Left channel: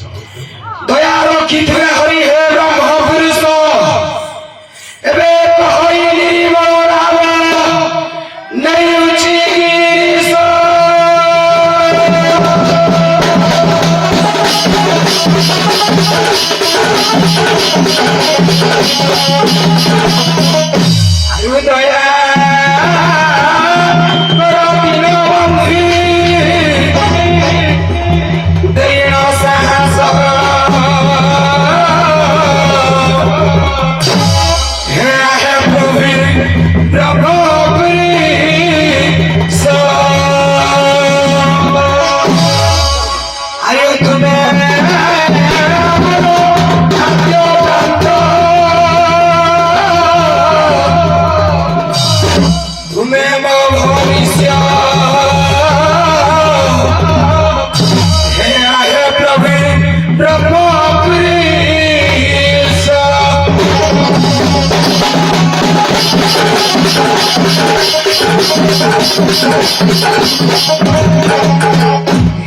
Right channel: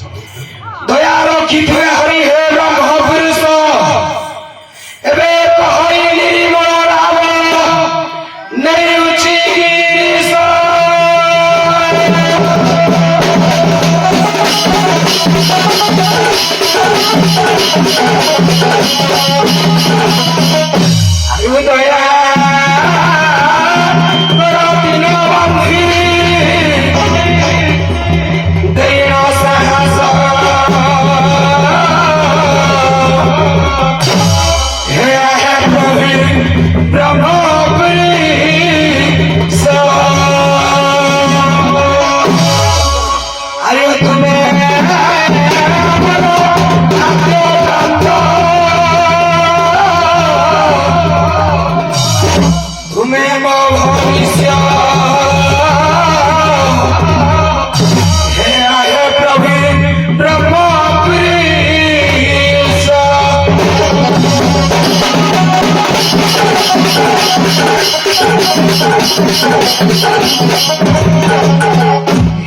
दया रखिथिले हरि हे ब्रह्म पुरुष एबे कहई निर्मल राम नैरुचि गिरीश अरे दया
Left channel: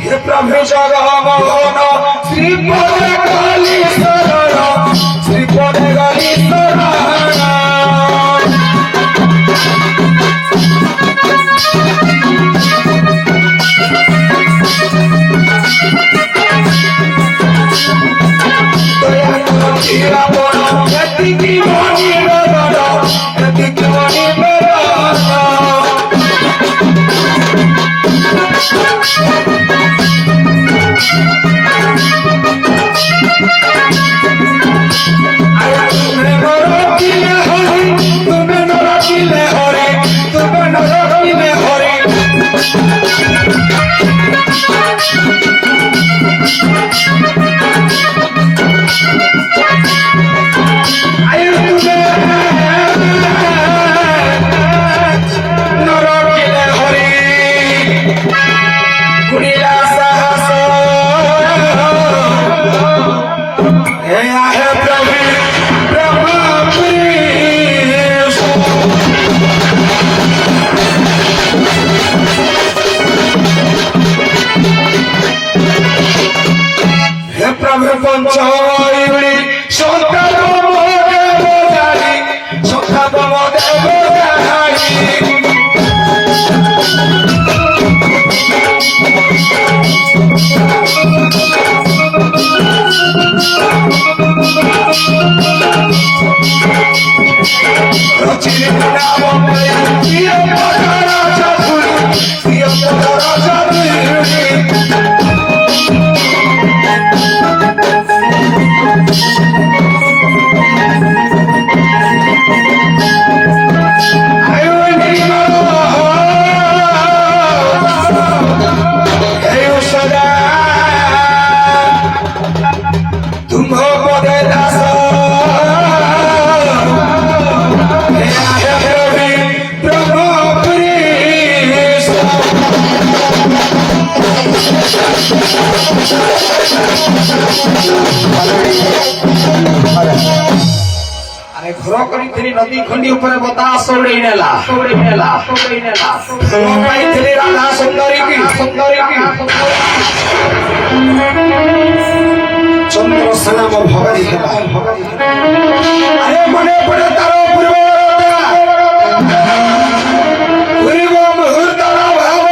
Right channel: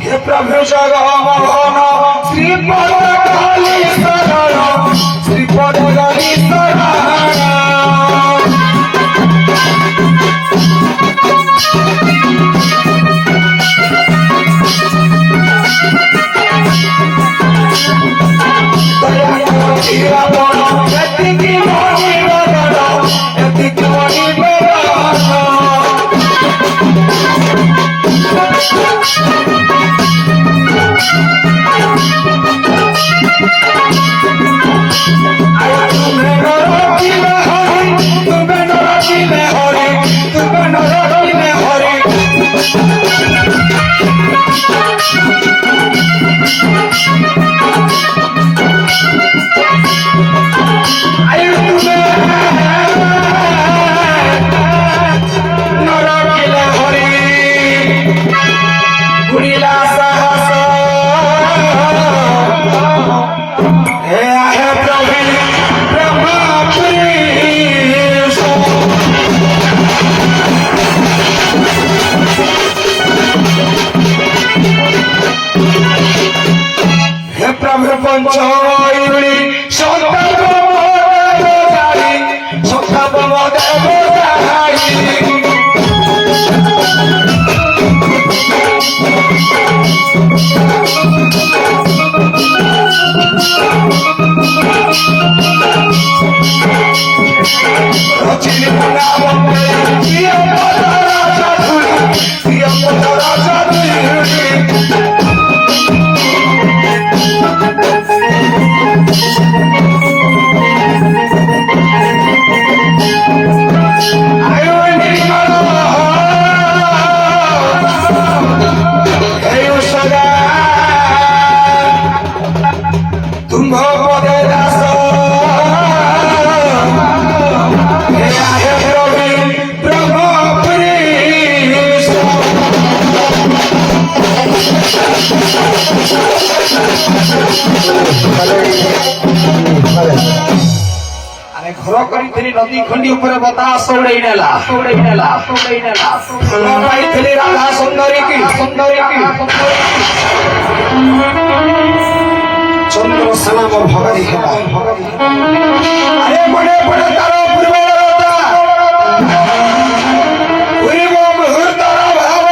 हे प्रभु जगमोहन श्री पदगलीश्वर श्री पदगलीश्वर पंचयी सौंदर्य घर करी नदी खंडी ऊपर बतास उड़े नेला राधा सुंदरी की चंद्र सनाम भगरी अरे बड़े बड़े तारो पूर्व मुहूर्त भाव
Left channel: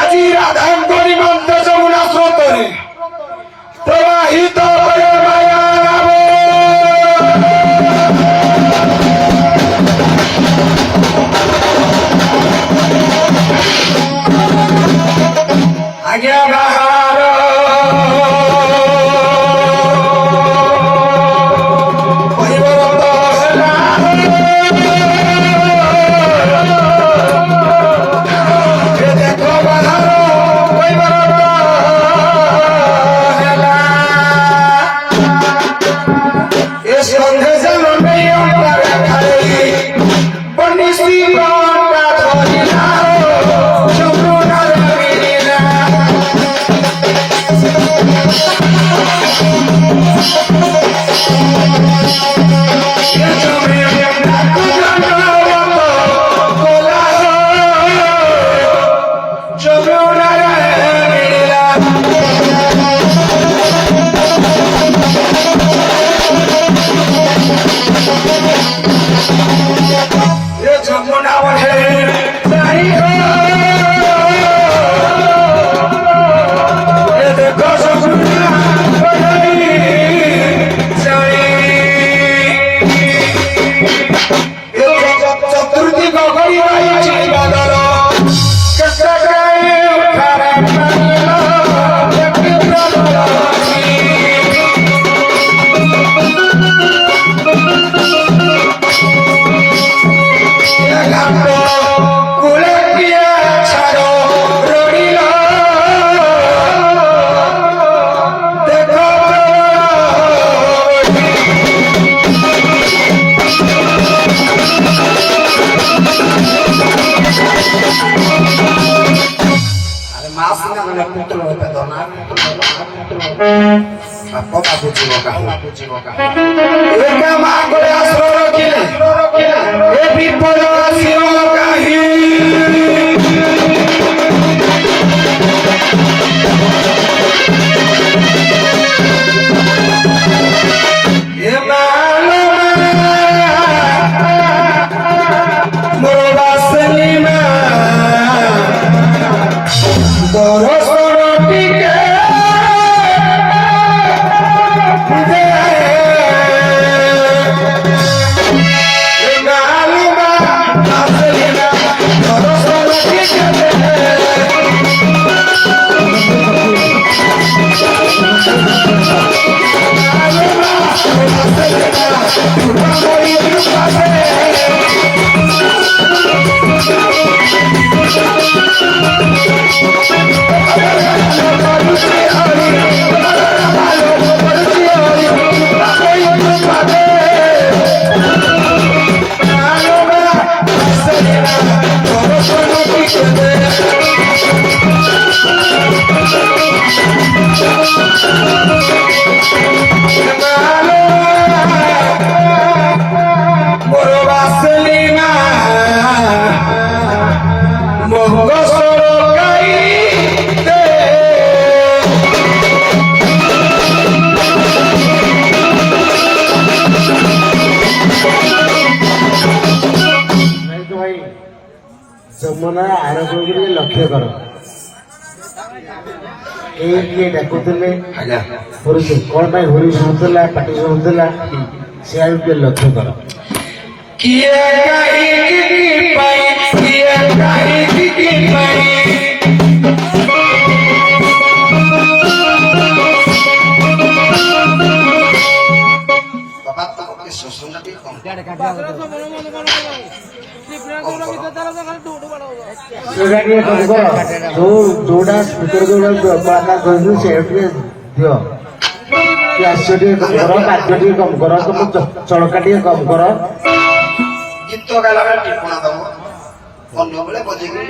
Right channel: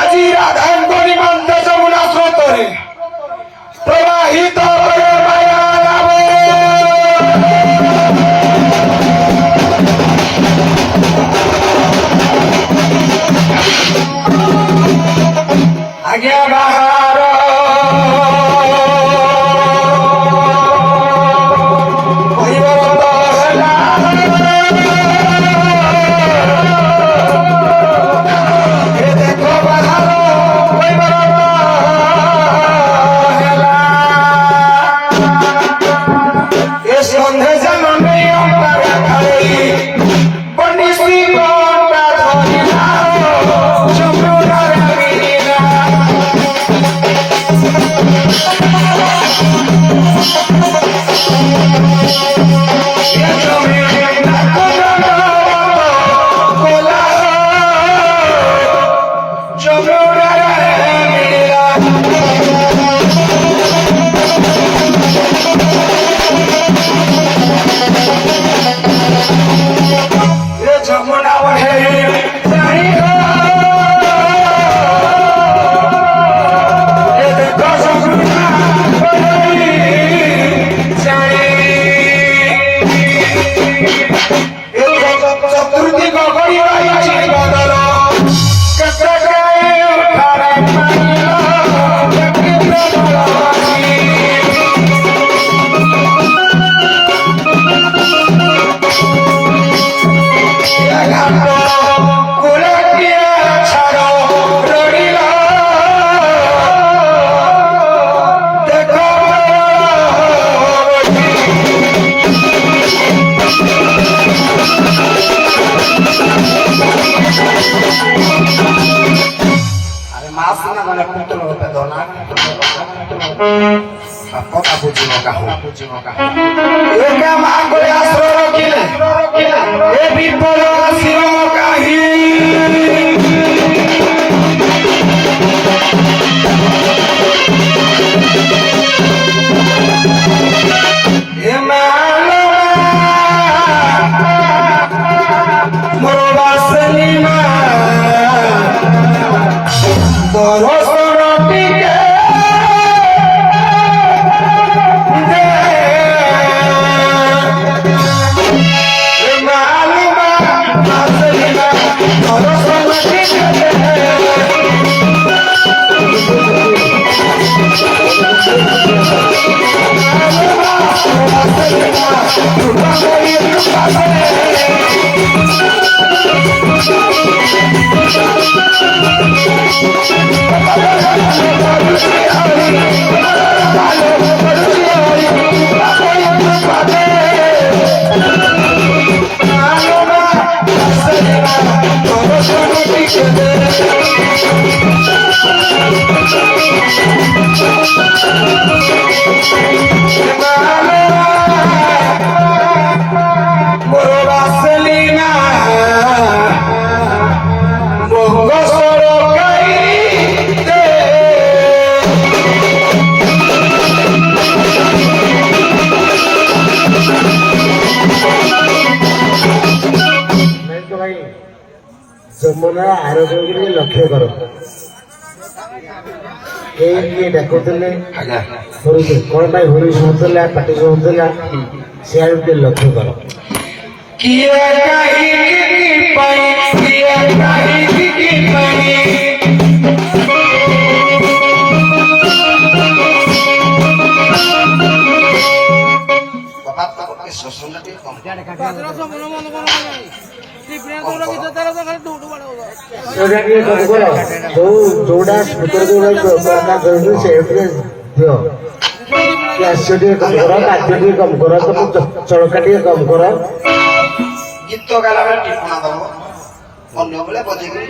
आज राधा गोरी मंत्र जमुना स्रोतरे प्रवाहित आज्ञा बाहर বেদনা বাপক আবুজি লগাহো এটা মা করে আশ্রয় রাখিলে এ বিপদ আসিও কাহিনী ଯମୁନା ଆରୋଗ୍ୟ ଲକ୍ଷ୍ୟ କର ଏଇ ଡାକୁଥିଲେ ହରୁଛି କଣ ପାଇଁ ହରି ଶୁଣୁଥିଲା ପାଟି ଶୁଣୁଥିଲା ସେ ଆଡ଼କୁ ଲକ୍ଷ୍ୟ କର କିଏ କାହିଁକି ପାଇଁ କିଏ କାହିଁକି ପାଇଁ বাবা তোকে শোষণটি কম ସେଟା ଟିକେ କମ କର ଯୋଉଟା ଭିତରେ ଯୋଉଟା କହିଲୁ ସେଇଟା ଦିଅ ଗ୍ୟାସ ଟିକେ କମ କର ବାଦ୍ୟ ଟିକେ କମ କର ଚଳକା ଟିକେ କମ କର ଗୀତ ଗାଇଲା ବେଳେ ଟିପଣା ଦବ ଅନ୍ୟ ବେଳେ ବଜେଇକି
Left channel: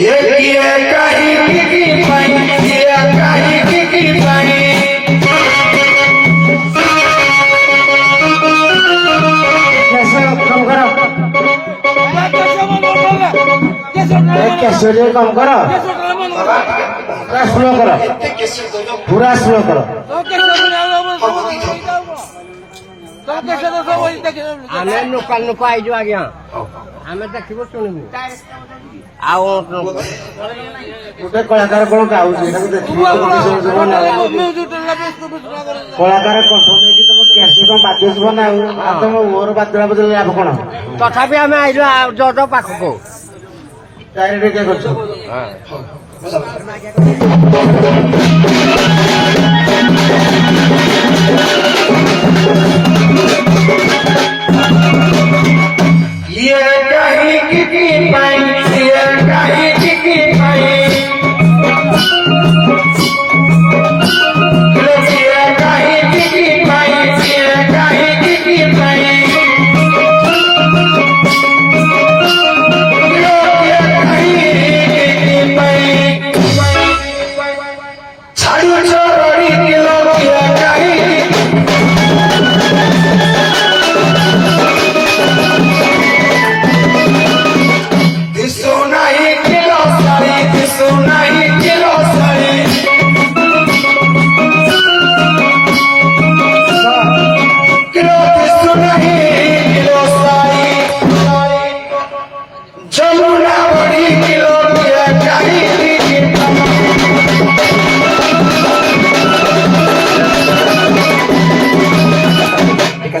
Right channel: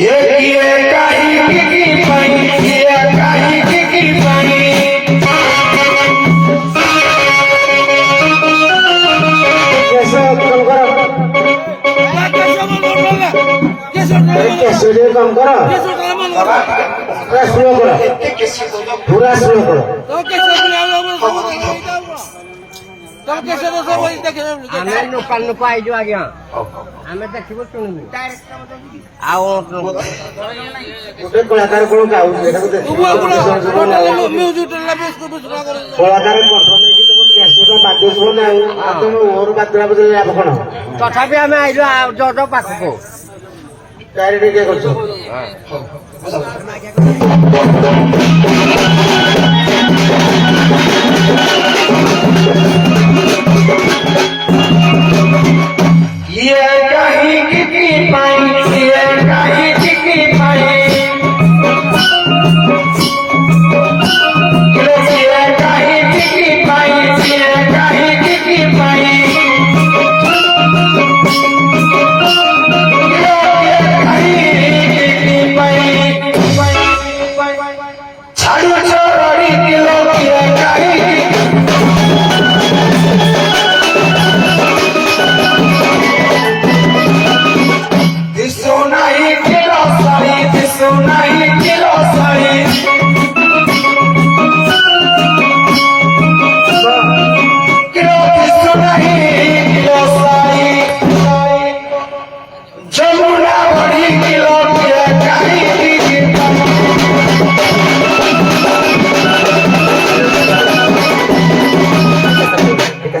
ଏ କିଏ କାହିଁକି ପାଇଁ କିଏ କାହିଁକି ପାଇଁ ଗ୍ୟାସ ଟିକେ କମ କର ସ୍ଲୋ କର ପୁରା ସ୍ଲୋ କର ଆମେ ଲୋକାଲ ଲୋକ ଆଇଛୁ ଆଜ୍ଞା ଆମେ ଦେଖିବୁ ଶୁଣିବୁ ଆଉ ଗୋଟେ କଳାକାର କଣ ଗାଉଛି ଏଟାକୁ ଦେଖିବୁ କଳାକାର କଣ୍ଠ ନେଇକି ତମ କ୍ୟାସି କଣ ବାଦ୍ୟ ଶୁଭ ନାହିଁ ଆଉ ତମ ଓର ବାଦ୍ୟ ବଦଳରେ ଲାଭ କଣ ତଥାପି ଆମେ ଆଇଲୁ ଜଜ ପାଖକୁ ଚାରିରେ କିଏ କରୁଛ କିଏ କାହିଁକି ପାଇଁ କିଏ କାହିଁକି ପାଇଁ କିଏ କାହିଁକି ପାଇଁ କିଏ କାହିଁକି ପାଇଁ ଛାଡୁଛ ରଡ଼ି କିଲୋ କିଏ କାହିଁକି ଦିଶୁ ନାହିଁ କିଲୋ ଶାଢ଼ୀ ଦିଶୁ ନାହିଁ କିଲୋ ଶାଢ଼ୀ କିଲୋ ଦିଶୁ ନାହିଁ କିଲୋ ଶାଢ଼ୀ ଯମୁନା ବଢ଼ି କିଲୋ କିଏ କାହିଁକି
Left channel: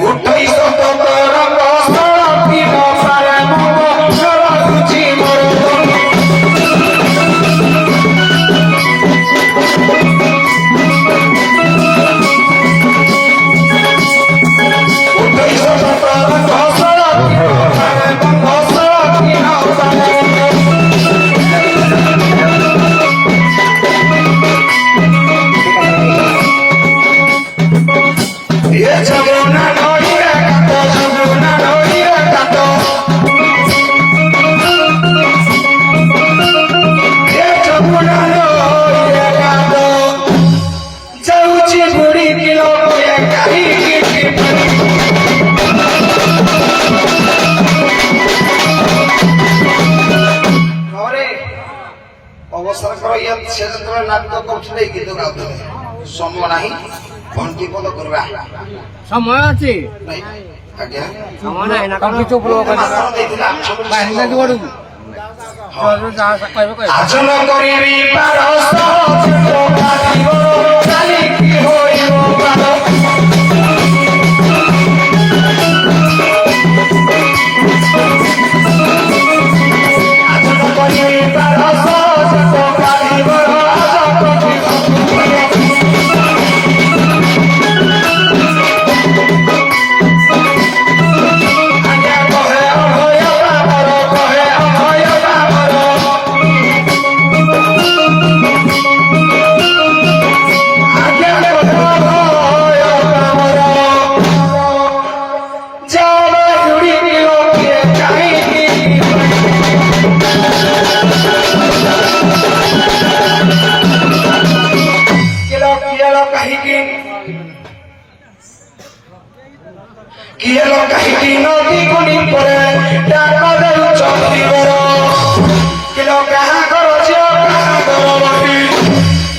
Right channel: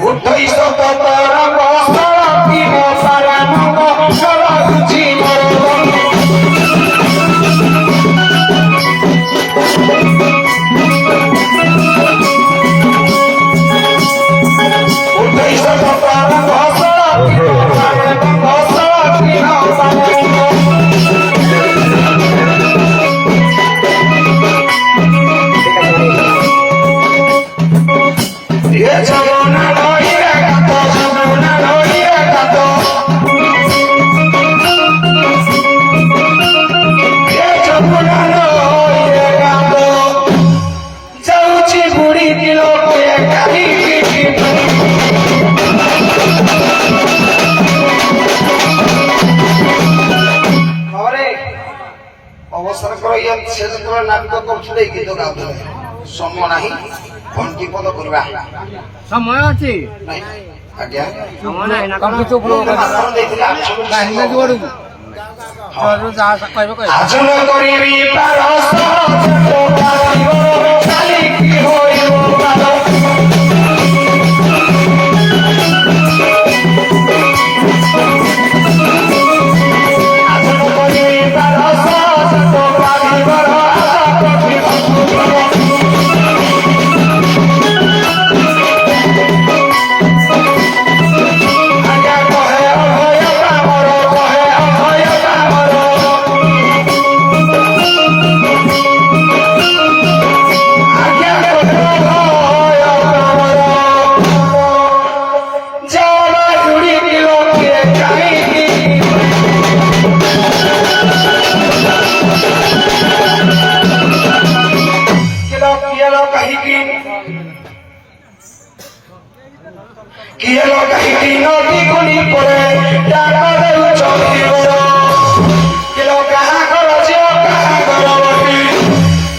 ଉଠେଇ ସତ ତର ପିବ ପାରା ସରୁଛି ଉଠେଇ ସତ ତର ଇଏ ସେ ଯେତେବେଳେ ନାଟକ କରୁଥିଲେ ଗୀତ ଗାଉଥିଲେ ସମୟ ନାହିଁ ଘଣ୍ଟି ପଦ କରିବା ସମୟ ଅଛି ନାଇଁ ଆଜ୍ଞା ସମୟ ନାହିଁ ନା ତମେ ଚୁପ ରହ ମାତ୍ର ଦେଇଥିଲେ ଆମେ ସବୁ ବାহিନା ଯିବଡୁ ଯାହା କହିବ କହିବ ଆଜନ କରିବି ପାରସ ଚାଲିକି ହୋଇବ ପାର কিয়েলো কাহিনী নদী গুলি পরে ডাকরে উচ্চতি বড় কিলো কাহা করো যে কাহা করো বটি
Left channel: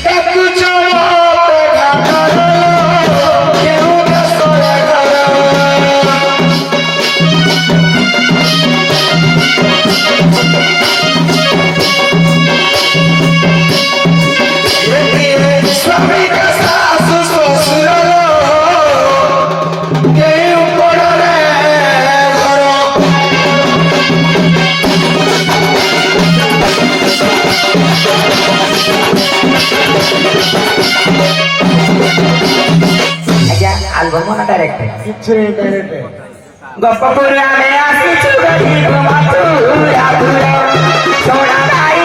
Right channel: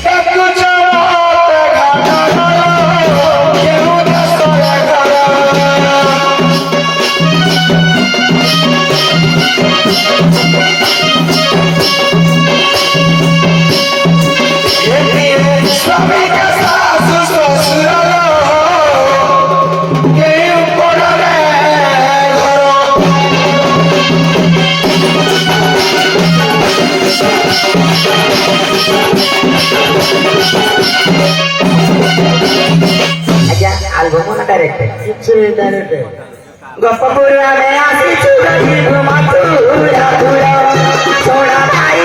ডাকু চলতে ঘাটা কেউ দেশে করে স্বামী কাসা সুসুরা ଆଜ୍ଞା ଆଲବମ୍ ନା ଡାଇରେକ୍ଟ କିଛି ନାହିଁ ଡାଇରେକ୍ଟ ଗପପୁରା ମେ ଆସିଛୁ ଛୋଡ଼ା ଭାଇ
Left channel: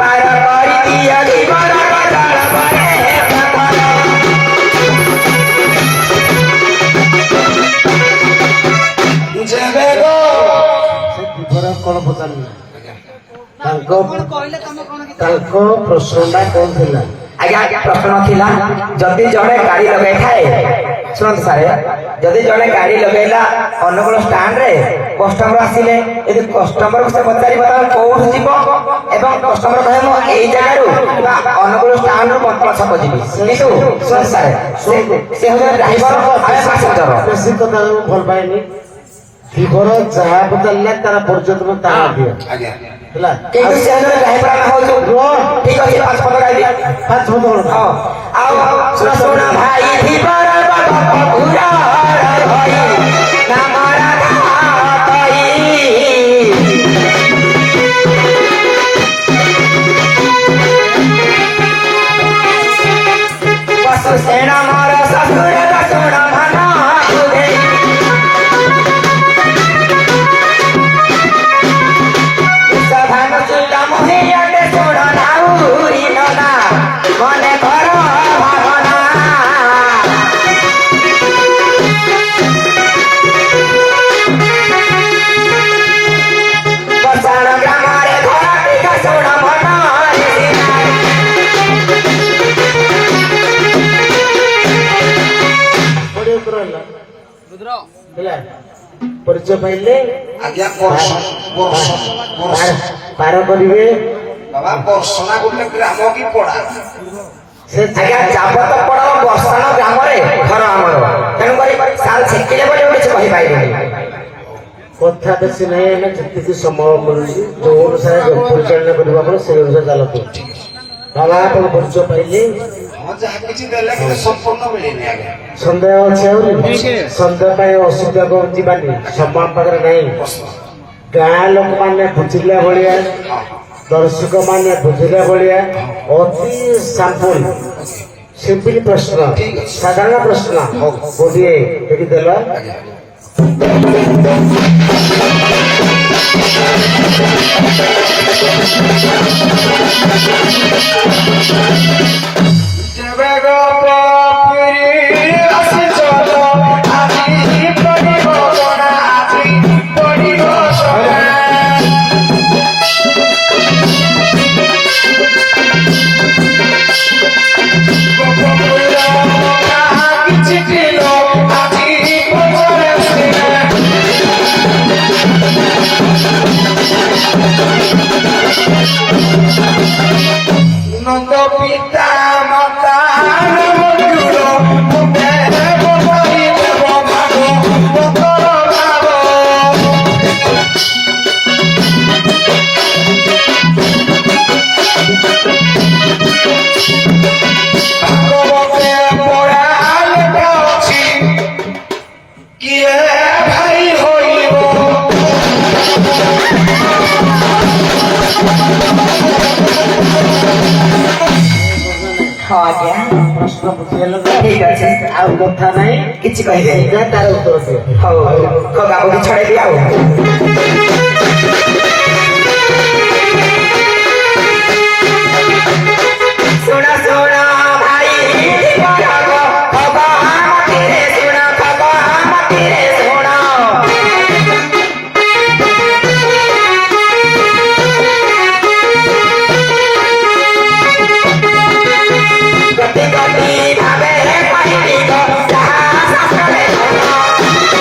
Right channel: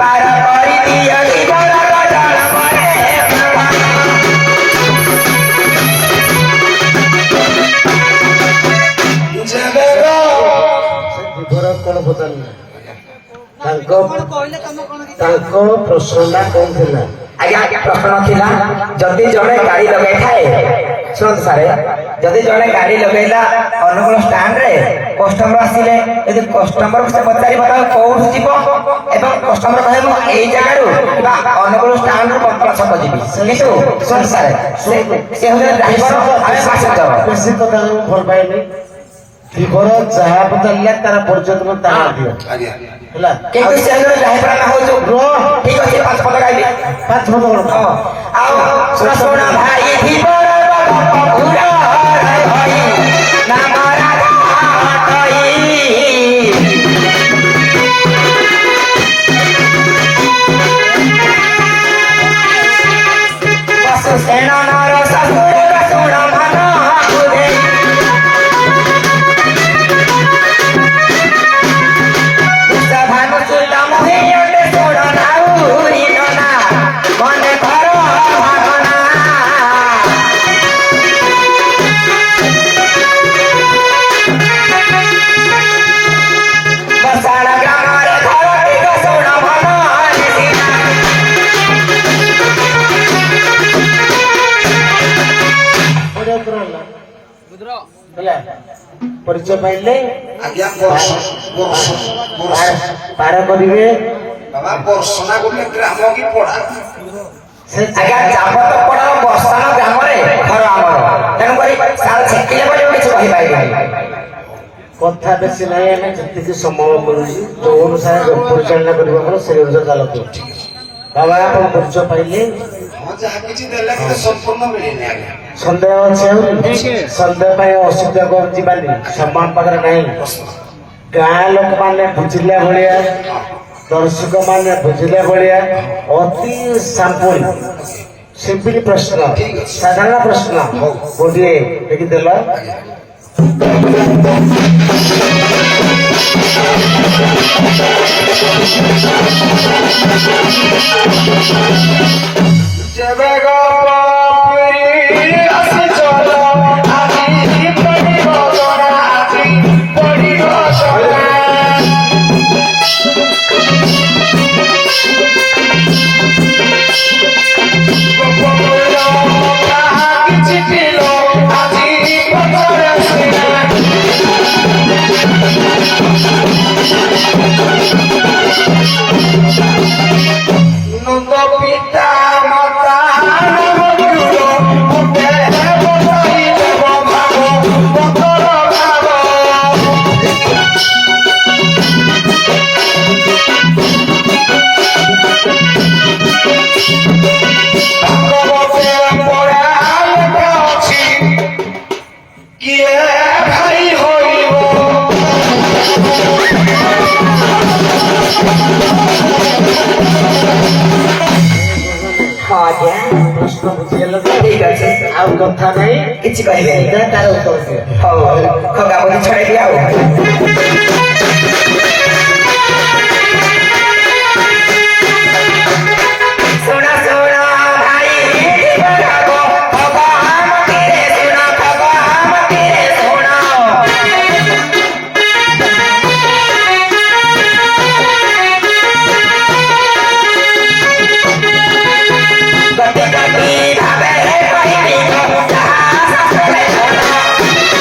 ପାର କରିଦିଅ ଜୀବନ ଯେବେ ଜୀବନ କଣ ପଚାରିଲେ ତାଙ୍କ ପ୍ରଶ୍ନଟା କଣ ଥିଲା ଆଜ୍ଞା ପ୍ରଶ୍ନ ଥିଲା ଯଦି ଜଣେ ଗାଡି ଲଗେଇଥାଏ ଶୁଣନ୍ତୁ ସାର୍ ଯଦି ଜଣେ ଗାଡି ଲଗେଇଲା ଅନୁଗୁଳ ଷ୍ଟାଣ୍ଡରେ କଷ୍ଟମର ଆସିଲେ ଯଦି କଷ୍ଟମର ସେ ପଚାରିବ ତାହେଲେ କୋଉଠୁ ଯିବ ଏବଂ କଷ୍ଟମର କହିବ ଏଇ ଜାଗାରୁ ବା ଅନୁଗୁଳ ଷ୍ଟାଣ୍ଡରୁ ବନ୍ତଳ ଛକ ଯିବି କିନ୍ତୁ ଶୁଣନ୍ତୁ ସାର୍ ସେ ହଉଛି ଡ୍ରାଇଭର ଆମେ ପାସେଞ୍ଜର ବେଶୀ କଥା ମୁଁ ଭଲ ପାଇନି ଜୀବନ ଯାହା ପଚାରିଲେ ତାର ପର୍ଯ୍ୟଟନ ତାହା ଦିଅ ଆଜ୍ଞା ହେଲା କିନ୍ତୁ ସେ ହଉଛି ଡ୍ରାଇଭର ନା ହଉଛୁ ଠିକ ଅଛି 5 ପଦ ଗାଇବି 5 ପଦ ଆଉ ଶୁଣ ଭାଇ ଧୀବର ପୁରା ଭାଇ ନାମରା ଘାଟଇ ବସୁ ସେଣ ମୋର ଶ୍ୱଶୁର ବସୁଣ ମନ ଭାଗ ଚୁଟା ମୁହିଁଟେ ଶୁଣ ନାଉରି ନନା ମନେ କର ଭାବନା ବସାଣ ଗ୍ରାମରେ ଘର ଟିକ ଶୁଣ ମନ ହେଲା ପରିଚୟ ପାଇଲେ ଆଜ୍ଞା ପାର କରିବେ ବାବା ବର୍ଷଣା ଗୋଟେ ଗ୍ରାମ କି ପଡା ସେ ଆଜ୍ଞା ଯାବତପଡା ବର୍ଷାଣ ଗ୍ରାମରେ ଘର ଆମର ତେଣୁକରି ସାର୍ ଶିଖିଲେ ବୋଲି କିଛି କହିପାରିବେନି କଥା ବେଶୀ ନାହିଁ ଆମେ ଯେତିକି ସମୟ ମିଳୁଛି ଯୋଉ ଅନୁସାରେ ପରିଚାଳନା କରିବା ପରେ ସେଇ ଅନୁସାରେ ଚାଲନ୍ତୁ ବାବା ଆପଣ ପରିଚୟ ପାଇଲେ ହଁ ଯାହା କିଛି ଦେଲେ କିନ୍ତୁ ସମ୍ପୂର୍ଣ୍ଣ ମିଳିନି ଆଜ୍ଞା ସନ୍ଦେହ ଅଛି ଆହୁରି ସନ୍ଦେହ ପାଇଁ ଅସୁବିଧା କଣ ଯିବାନି ସମ୍ମାନ ପାଖରେ ନାହିଁ ଗାଁ ଲୋକମାନେ ବୁଝିଲା ଭଳିଆ ଦର୍ଶକ ମାନେ ବୁଝିଲା ଭଳିଆ ଅତି ସାମ୍ପୁଲ ସିମ୍ପଲ ପ୍ରଶ୍ନ ସାଧାରଣ ପ୍ରଶ୍ନ ଗୋଟିଏ ଦେଖିଦେଲ ଯେବେ ଗପୁରୀ ଆସି ଚଲ ଆଜି ପଡ଼ିବ ଜଣା ଆଜି ପଡ଼ିବ ଜଣା କିଛି କିଲୋ ଆଜି ହଁ ଆଜ୍ଞା ପ୍ରଶ୍ନ ବୁଝିଗଲ ତ? ଠିକ ଅଛି ଆଉ କଥା ନାହିଁ କିଛି କହିବେ ଏଇଟା ତାର ଉତ୍ତର ଦିଅ। ହଉ ଖଗାବଧି ଛଡେଇବି ଆଉ ଶୁଣ ଶୁଣ ଭାଇ ଭଗମତିରେ ଶୁଣ ଭଗମତିରେ ଶୁଣ ଗତି ଗତି ଭାବରେ କହିବି ଯାହା ଶାସ୍ତ୍ରରେ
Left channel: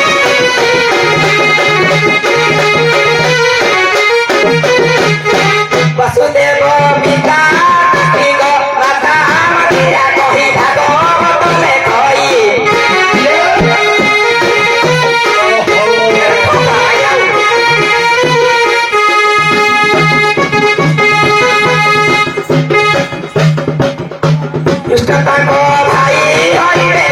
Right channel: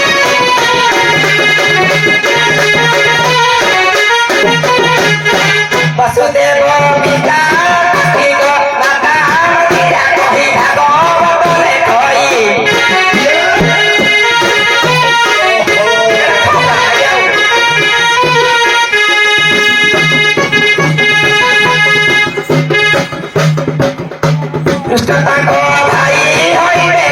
ବସୁଦେବ ପିତା ରାଧା କହି ଭାଗବତରେ କହି କୃଷ୍ଣ ତାଙ୍କ ଭାଇ ହରିବେ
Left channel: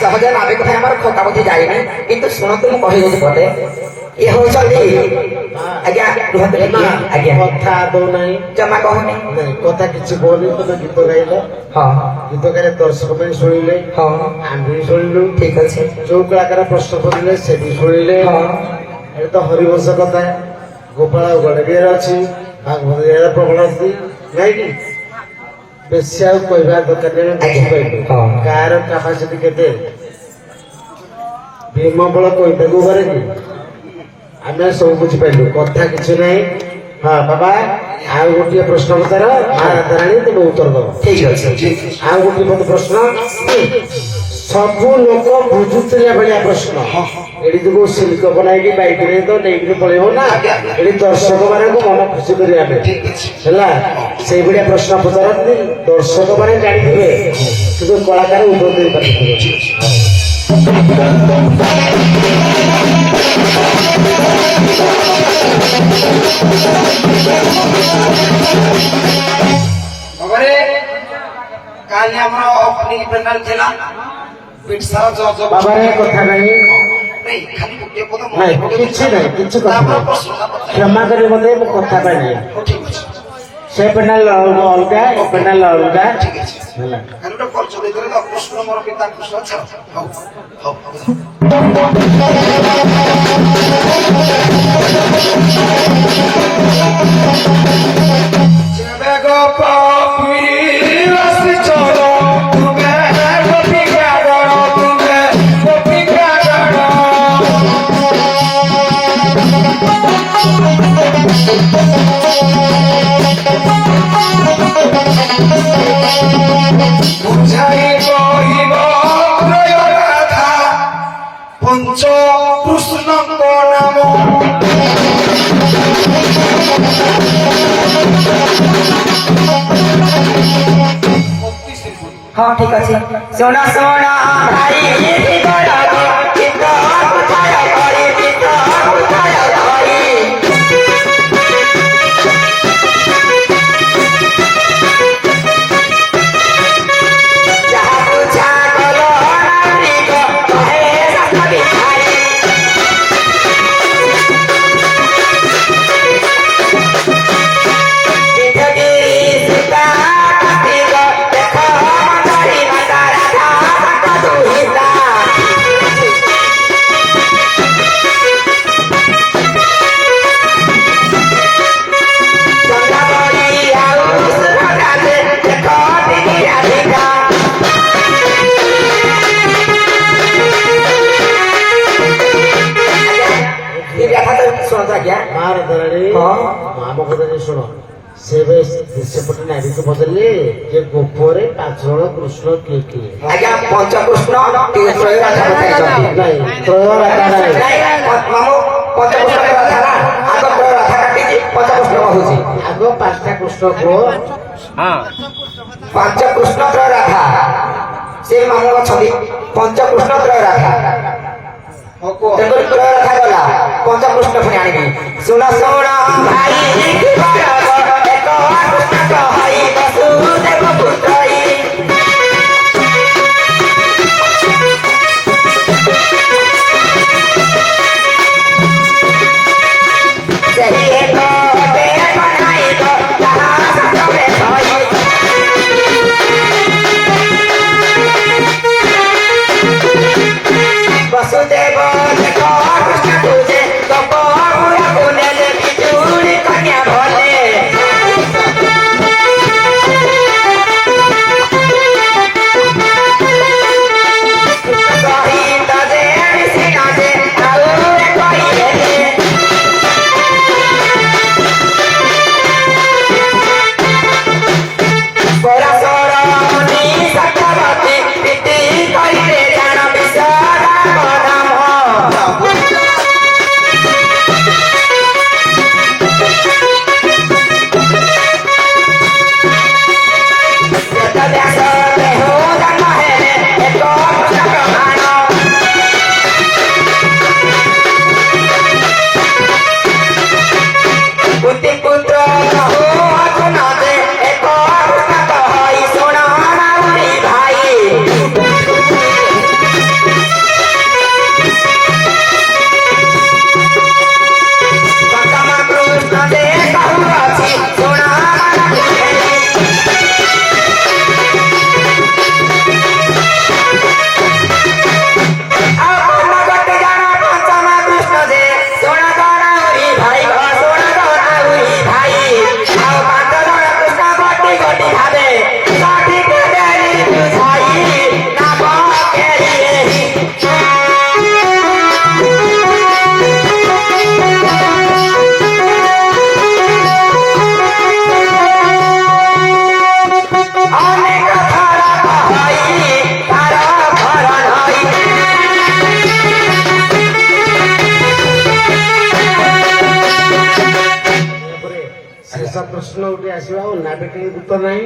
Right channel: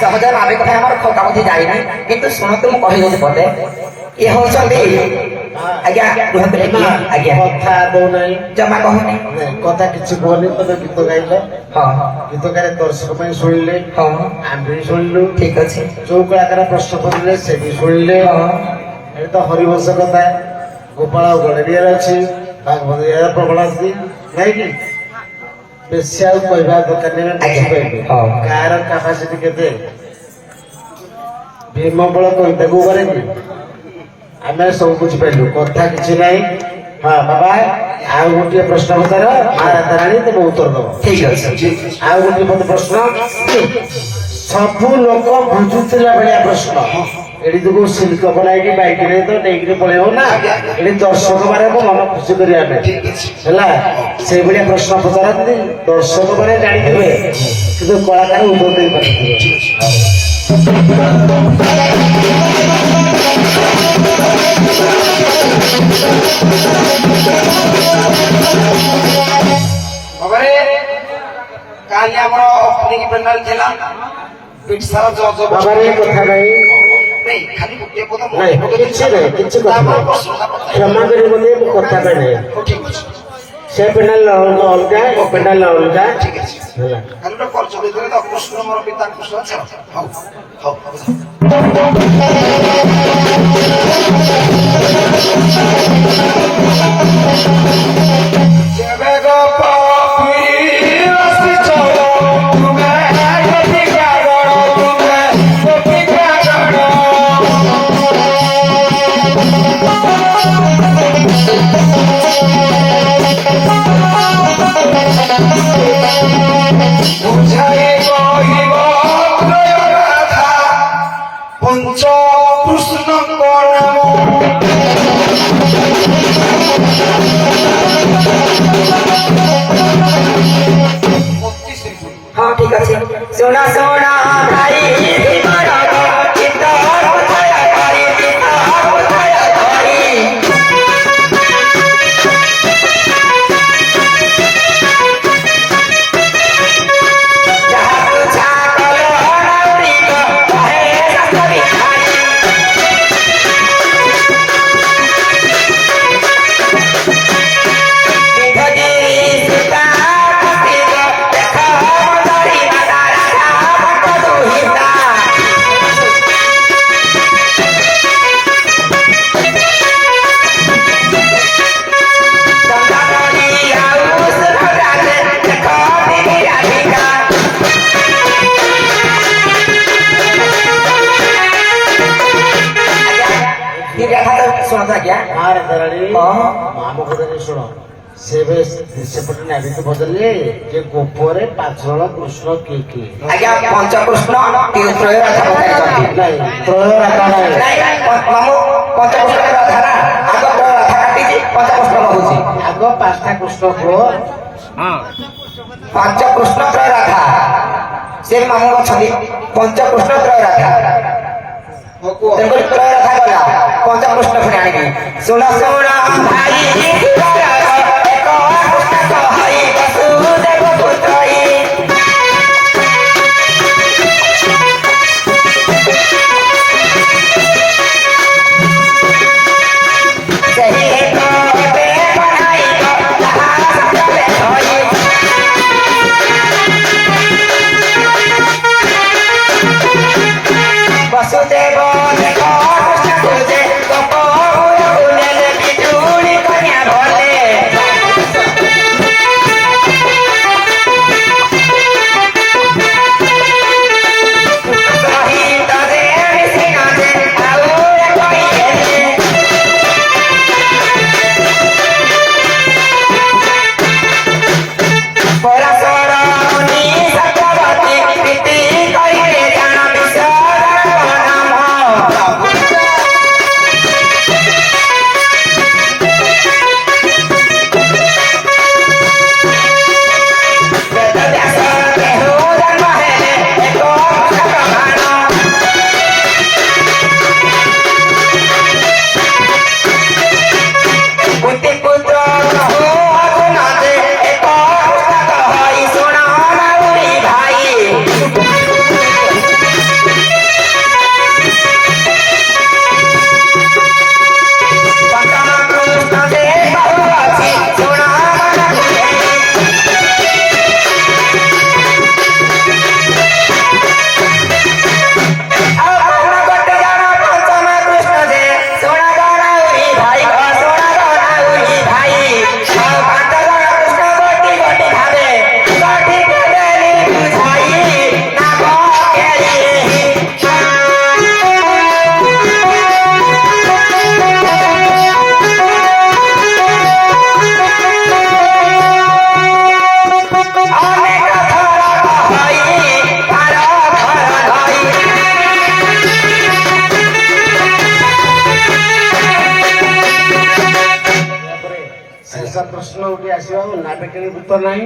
ସହଜ ଭାବେ କଥା ଆମର ଖୋକାମତି ଯାଇନି କିନ୍ତୁ ଶୁଣନ୍ତୁ ମୁଁ କହିଦେଉଛି ପଦେ ଇଏ ହଉଛନ୍ତି ଆଜ୍ଞା ରୁହନ୍ତୁ ଟିକେ ଆଜ୍ଞା କଥା ଦଉନାହିଁ ଜମା କହୁନି ନାଇଁ କଥା କିଛି କୁହନି ତମେ ଗୀତ ଗାଇଲ ହଁ ଗୀତ ଗାଇଲେ ଦର୍ଶକ ପାଇଁ ଶୁଣିଲେ ହଁ ଆମେ ବି ଶୁଣିଲୁ ଠିକ ଅଛି ଯୋଉ କଳାକାର ପ୍ରଶ୍ନ କରିଲେ ସେ ବି ଶୁଣିଲେ ହଁ এটা তো হরিবংশ কথা গোপাল গড়েরিয়ার ଅଛି ଭାଗବତ ପ୍ରବଳ ଅଛି ନାଇଁକି ବେଶୀ ଆଉ କହିବା ଦରକାର ନାହିଁ ବେଶୀ କହିବି ହଁ। କାହାର କାପାସିଟି କେତେ ଭୀମ ବଳ କହିତାକୁ କରେ କି ଆମେ ସବୁ ବୁଝିପାରିଲୁ କଥା କିଛି ନାହିଁ ହଁ ବାବା ଆଉ ଗୋଟିଏ ପ୍ରଶ୍ନ ପଚାର ମା ରାଧାରାଣୀ ତମେ ଉତ୍ତର ଦବ ଠିକ ଅଛି ଆଉ ଗୋଟିଏ ମତେ ପ୍ରଶ୍ନ ସବୁ ଲୋକ ବୁଝୁଥିଲା ଭଳିଆ ପ୍ରଶ୍ନ ଏଠି ଯୋଉ ଶିଳ୍ପ ବନାଇକି ବାଇକରେ ତ ନେଇକିରି ପଳେଇବ ନା ଏଠି ଦର୍ଶକ ମାନଙ୍କୁ ମନ ଖୁସି କରିବା ପାଇଁ ହେଲା ସେଇଭଳିଆ ପ୍ରଶ୍ନ ପଚାରନ୍ତି ଦର୍ଶକ ମାନେ ଜାଣିଥିବେ କିନ୍ତୁ କଳାକାର ଉତ୍ତର ଦେଇପାରିଥିବେ ବାବାରେ କାଲି ଆମର ଓପନିଂ ପେନାଲ ଥିଲା ପିଠସାର ଜଜ ବାବାରେ କଥା ନାହିଁ ନାଇଁ ଖାଲି ଗୋଟିଏ ପଦ ନାଇଁ କିଛି ନାହିଁ କିଛି କଥା ନାହିଁ କ୍ଷମା କରି ମୋତେ ମୁଁ କଥା ପାଇଁ ଠିକ ଅଛି ସେ ପେନାଲ ଅଲଗା ଏ ପେନାଲ ଅଲଗା ଠିକ ଅଛି ହେଲା ଖାଲି ଗୋଟେ ପରିଚୟ ଦେଇଦେଲେ ତ କୃଷ୍ଣ ମୋର ପିତା କୃଷ୍ଣ ଛାଡ଼ ହଉ ହଉ ଯେବେ ଗୋପୀ ଆସିଛ ତୁମେ ଗୋପିକା ଗଣ ତୁମେ ଗୋପିକା ଗଣ ବୁଝାଇ କହିବ ପ୍ରିୟ ରାଧା ପଞ୍ଚ କୃଷ୍ଣଙ୍କ ନାମ ହଁ ଠିକ ଅଛି ଶୁଣ ଶୁଣ ଭାଇ ଶୁଣନ୍ତୁ ଆଜ୍ଞା ମା ରାଧାରାଣୀ ହଁ। ଆମ କଥା ଶୁଣ ସେବେ ସେପଟେ ନାଗରିକ ବଦଳିଲେ ଯେ ଗୋପରେ 5 ଜଣ କୃଷ୍ଣ କିଏ କିଏ ଆଜ୍ଞା ପଞ୍ଚକୃଷ୍ଣ ତ୍ରୟ ରାଧା ପଚାରିଛନ୍ତି ନାଇଁ ତ୍ରୟ ରାଧା ନାହିଁ ମାମୁ ପଞ୍ଚକୃଷ୍ଣ ରାଧା ନା ଆଗ ତ୍ରୟ ରାଧା କାଟିଛି ପଞ୍ଚକୃଷ୍ଣ କହୁଛି ଆଗ 5ଟା କୃଷ୍ଣ ପୁଅ ପଞ୍ଚକୃଷ୍ଣ ତ୍ରୟ ରାଧା ସେ ମାମୁ ଅଛନ୍ତି ପଞ୍ଚକୃଷ୍ଣ ତ୍ରୟ ରାଧା ତେଣୁକରି ତ୍ରୟ ରାଧା ଗଲା ପଞ୍ଚକୃଷ୍ଣ ପୁଣି ଆଣିବି ଶୁଣ ଶୁଣ ଭାଇ ଏକ ହରି ବସୁଦେବ ପୁତ୍ର ଶେଷ ପ୍ରଶ୍ନ ଗୋଟେ ଆସିବ ଆଉ ନାବିକାଣୀ ଭୂତ ନାହିଁ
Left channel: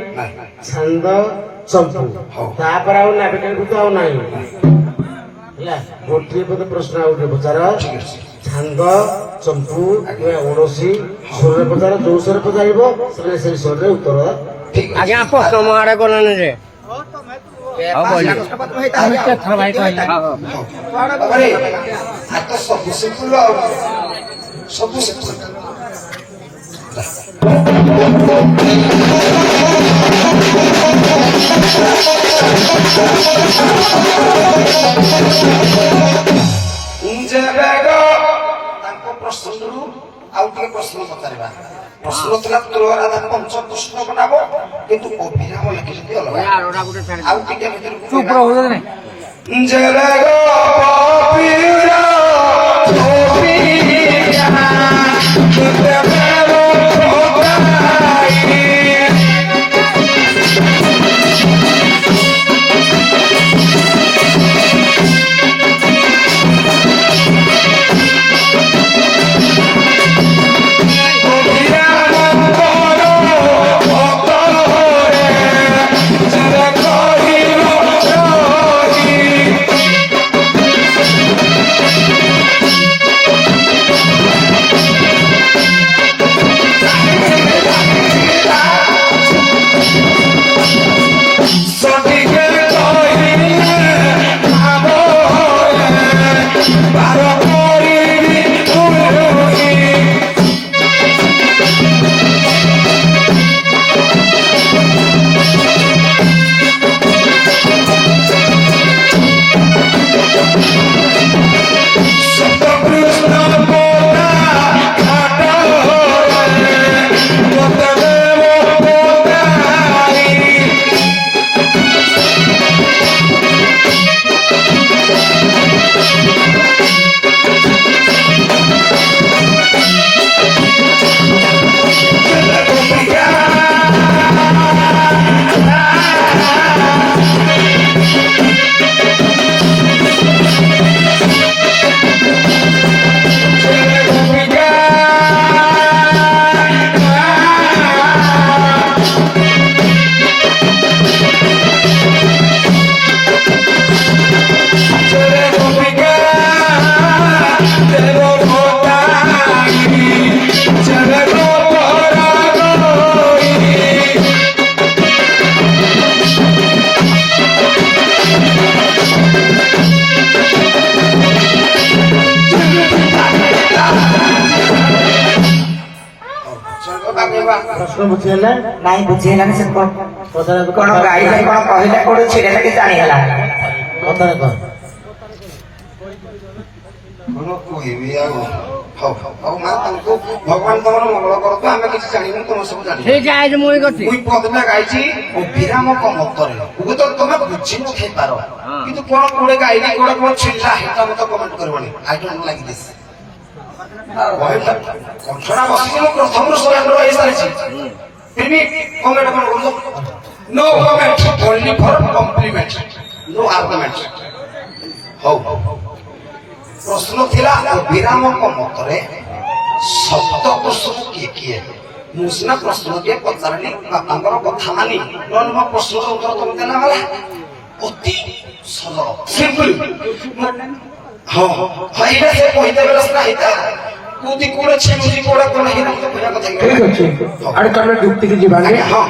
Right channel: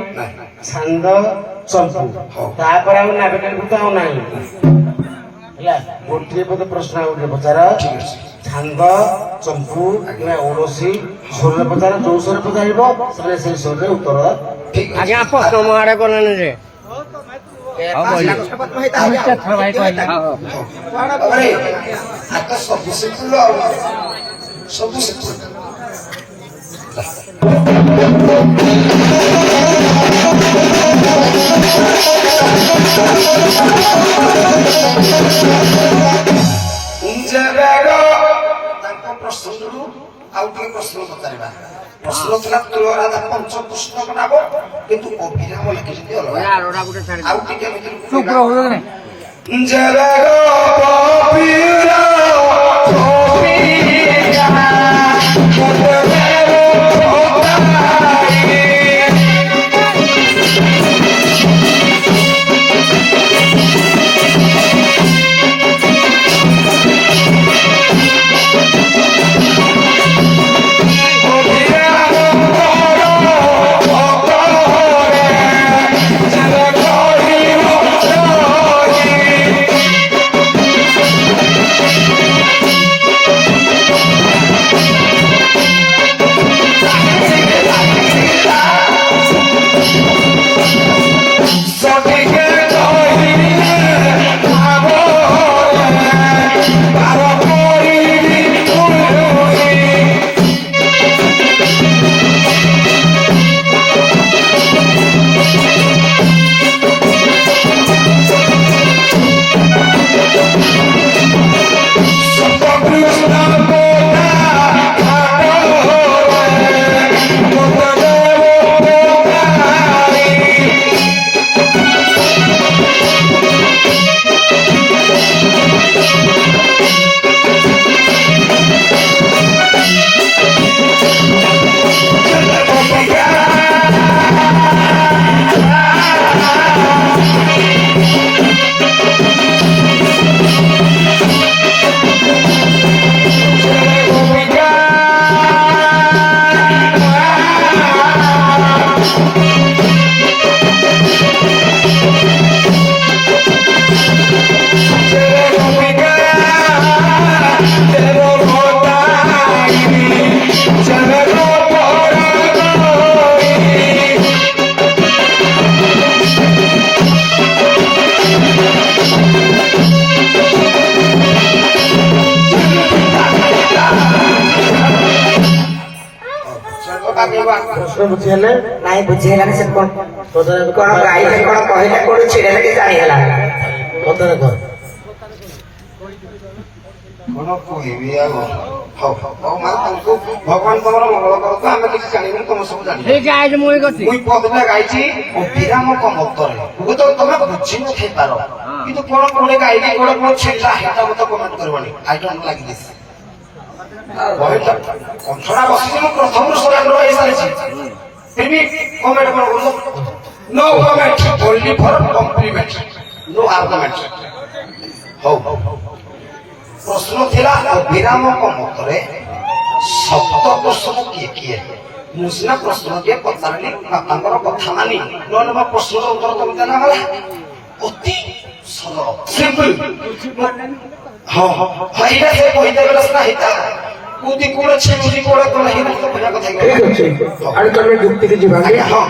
ଛାନ୍ଦ ଚମ୍ପୁ ତାପରେ ଆଉ ନାବିକାଣୀ ଭୂତ ଆଉ ନାହିଁ ହେଲା ଗୋଟିଏ ପଦ ପ୍ରଶ୍ନ ଆଉ ଗୋଟେ ପଚାର ଛାନ୍ଦ ଚମ୍ପୁ କିମ୍ବା ଓଡୋଶୀ ସ୍ୱରରେ ପଚାର ଯୋଉ ସ୍ୱରରେ ପଚାରିବ ସେମାନେ ସେଇ ସ୍ୱରରେ ଉତ୍ତର ଆଜ୍ଞା ପ୍ରଥମ ଆଡେ ଗଲାନି ଯେ ସବୁ ଶିଖିଲ ଆଉ ସବୁ ଶିଖିଲ ତାଙ୍କ ପ୍ରଶ୍ନରୁ ଆଉ ଟିକେ ପ୍ରଶ୍ନ ପଚାରିବା ପ୍ରଶ୍ନ ଥିଲା ତୁଳନାଦ ପଞ୍ଚକୃଷ୍ଣ ନାମ କିନ୍ତୁ ଅଭିରାମ ଲେଖିଛନ୍ତି ଅଲଗା ଆଉ ଟିକେ ଭିତରକୁ ପ୍ରଶ୍ନ ବୁଝିଗଲେ ନାଇଁ ବୁଝିହେଲାନି ସେ କଣ ଗାଈ କଣ କହିଲେ କୋଉଠି ଛିଡେଇଲେ କିଛି ଜାଣିହେଲା କଥାରେ କହ କଣ କହିବି ଆଉ ହଉ ହଉ ମାନେ ତାଙ୍କୁ ଭଗବାନ ତମର ମଙ୍ଗଳ କରନ୍ତୁ ଆମେ କିଛି ଜାଣିନୁ ତମ ସବୁ ଜାଣିବୁ ଠିକ ଆଜି ମୁଁ କରିଛି ମୁଇଁ ପଦଟା ଗାଇଛି ଅଭିରାମଙ୍କ ମତରେ ହୁଏତ ତମେ ବୁଝି ନଥାଇ ପାର କିନ୍ତୁ କଣ କୋଉଟେ ଗାଇଲି କୋଉଟେ କଣ ଛିଡ଼ିଲା ସେଟା ମତେ କମେଣ୍ଟ କରିବନି ଆଇ ଡୋଣ୍ଟ ଲାଇକ୍ ଦିସ୍ କଣ୍ଠଟା ବସିଛି ମୁଁ ପ୍ରଥମରୁ ଶୋୟାଙ୍କର ହେଇସାରିଛି ଫିର୍ବି କମେଣ୍ଟ କଣ କରୁଛ no comment only for compliment no argument हौ प्रश्न थिला विरामक मतरे शब्द प्रश्न किए किए मुसना प्रश्न के पचारली बापांकर कथा मानी नन म प्रश्न उत्तर तुम देना वाला अति सरल सिंपल हां हां इटा से कोई दे रास्ता हिता कुदी कोड़े छे मुदी कोड़े कोड़े हिता तो भया कथा ठीक ଅଛି ଆରେ ତମେ ଯୁକ୍ତିକୁ ଯିବାନି हां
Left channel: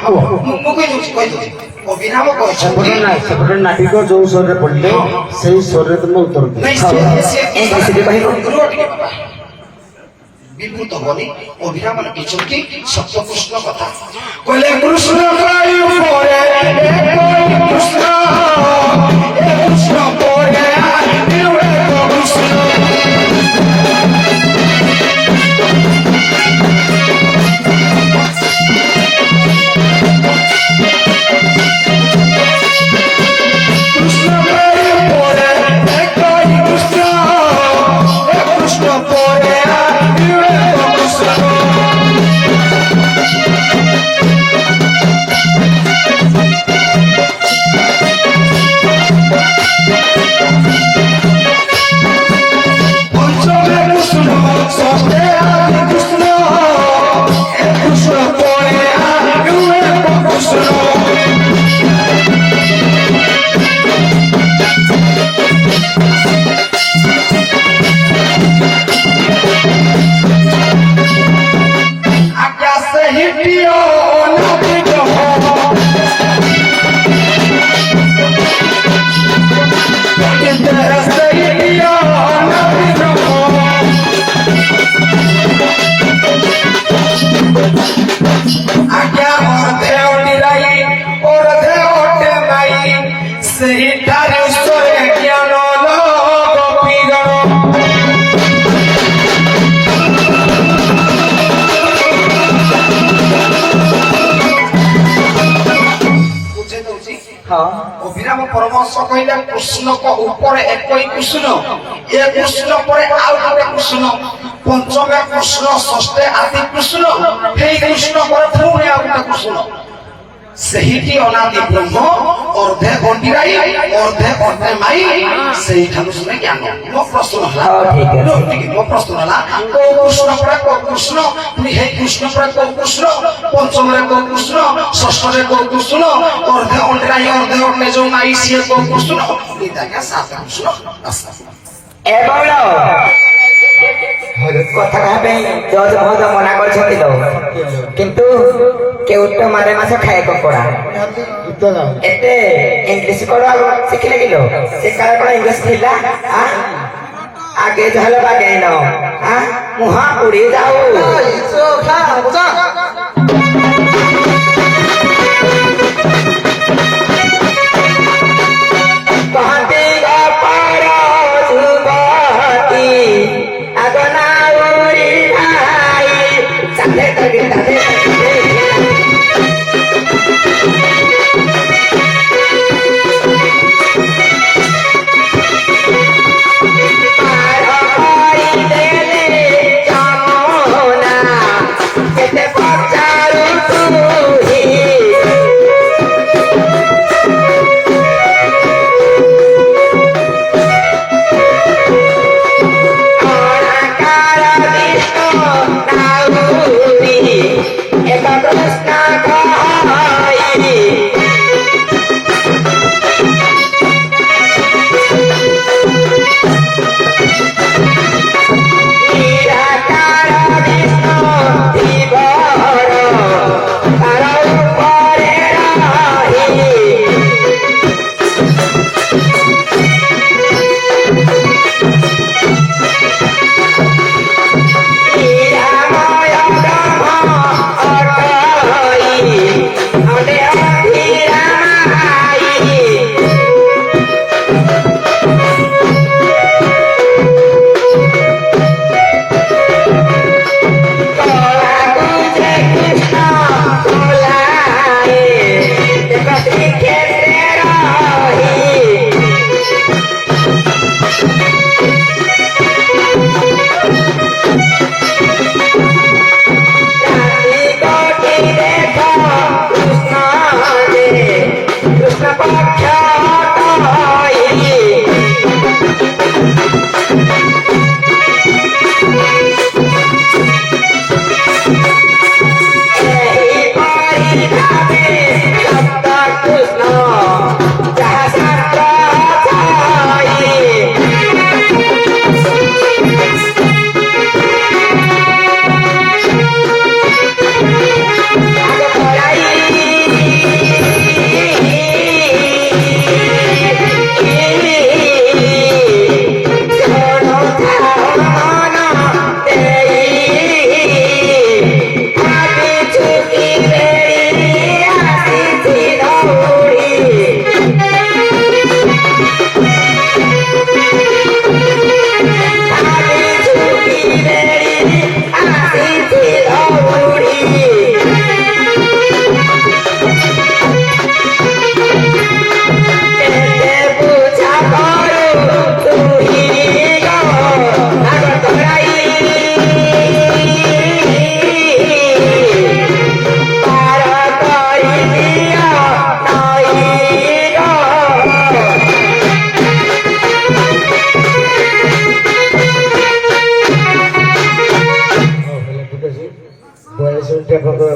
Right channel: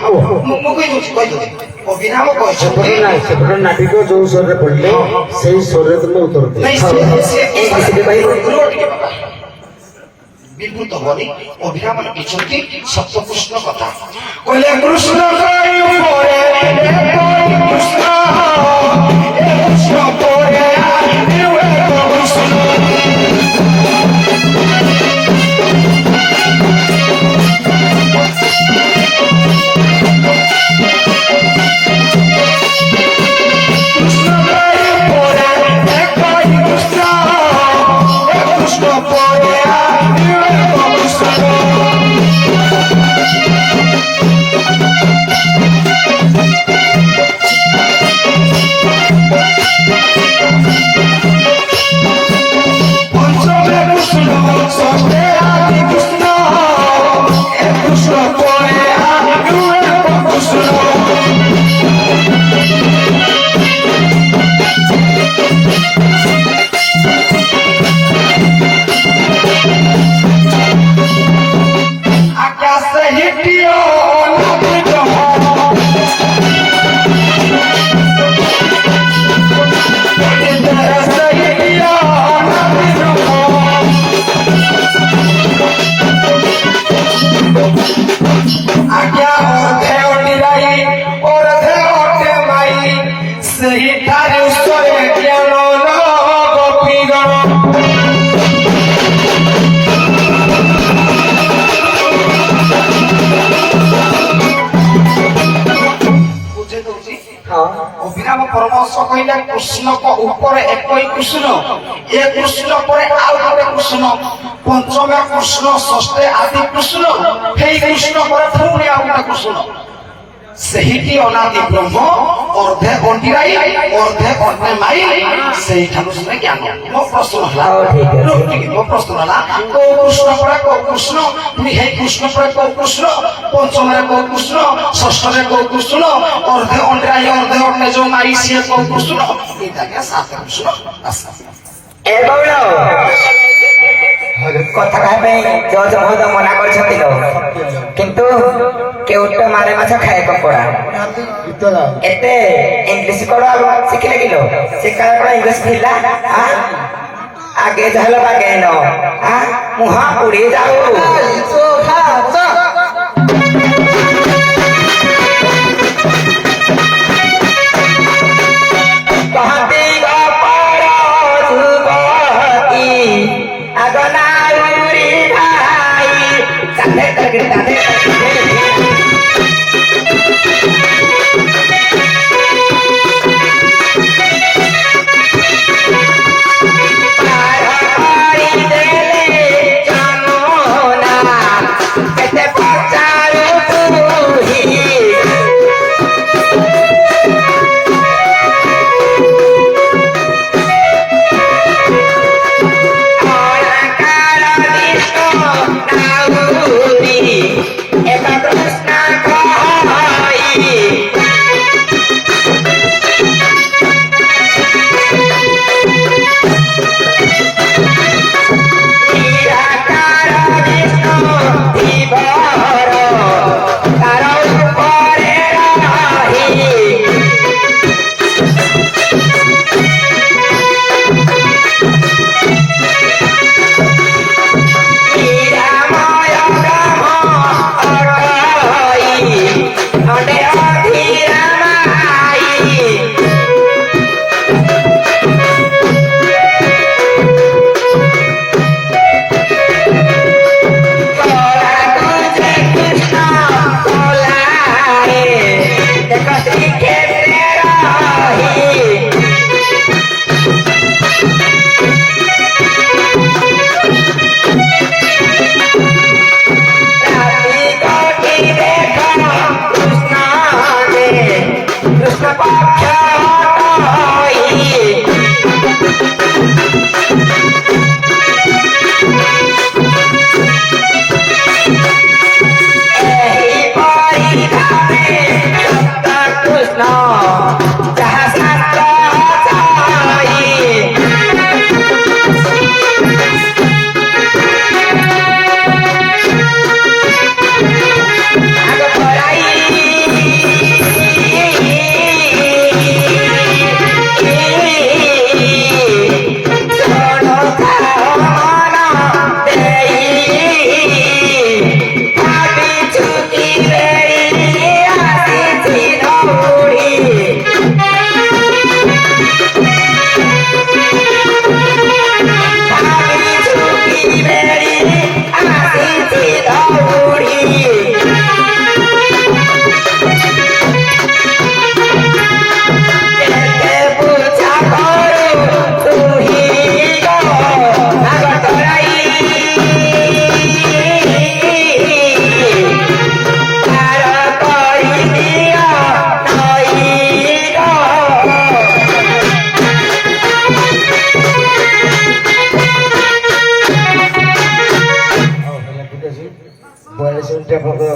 ମୁଁ କହି ଦଉଛି ଅଭିରାମ କହିଛନ୍ତି ସେପଟେ ନାଟିକ ଯୋଉ ସ୍ୱରରେ ପଢିଲେ ସେଇ ସ୍ୱରରେ ତୁମ ଉତ୍ତର ଦିଅ ବିବୃତ ହବନି ଅଭିରାମ ଲେଖିଛନ୍ତି ସପ୍ତକୃଷ୍ଣ କଥା କହିଲେ କୃଷ୍ଣ ଗାଇ ପରେ କୃଷ୍ଣ କୃଷ୍ଣ ପରେ Krishna वर्ष कहले कृष्ण को ऊपर एक ही कृष्ण ये कृष्ण पर आउ गोटे कृष्ण पंचमे कृष्ण षष्ठे आदि कृष्ण हे कृष्ण पर पुणी आउ गोटे कृष्ण सेहिटी अनादि ब्रह्म अर्धे अंतिराई अर्धे अर्धे माई सेही ठाकुर सुने ज्ञान मो प्रश्न हला मो प्रश्न हला को कृष्ण पर को कृष्ण पुणी हे कृष्ण पर को कृष्ण पंचमे को कृष्ण षष्ठे को कृष्ण अर्धे अंतिराई अर्धे अर्धे जो माई से को कृष्ण इदा क्या सात कृष्ण କଥା ଭାବେ ଜଜ ବହୁତ ମନା କରିଛନ୍ତି ଲୋ କିନ୍ତୁ କେଉଟ ମାରେ ମାଛ ଖାଏ କପଡ଼ା ଗୀତ ଗାଅ ଏତେ ଇଂଲିଶ କଣ ଶିଖିଲେ କି ଲୋ ଶିଖାଏ କଣ ଇଂଲିଶ ଥିଲା ଆଗେ ଝାଲ ବାଗେ ନ ମୁହଁ ପୁଡ଼ି ଯାଉ କହନ୍ତି ଗୋପାଳ ଯୁବତୀ ଆଗନା ଉରି ଭାଇ ଚାଲେ କରି ଚାଲେ କେତେ ପଚାରୁ ତୁହି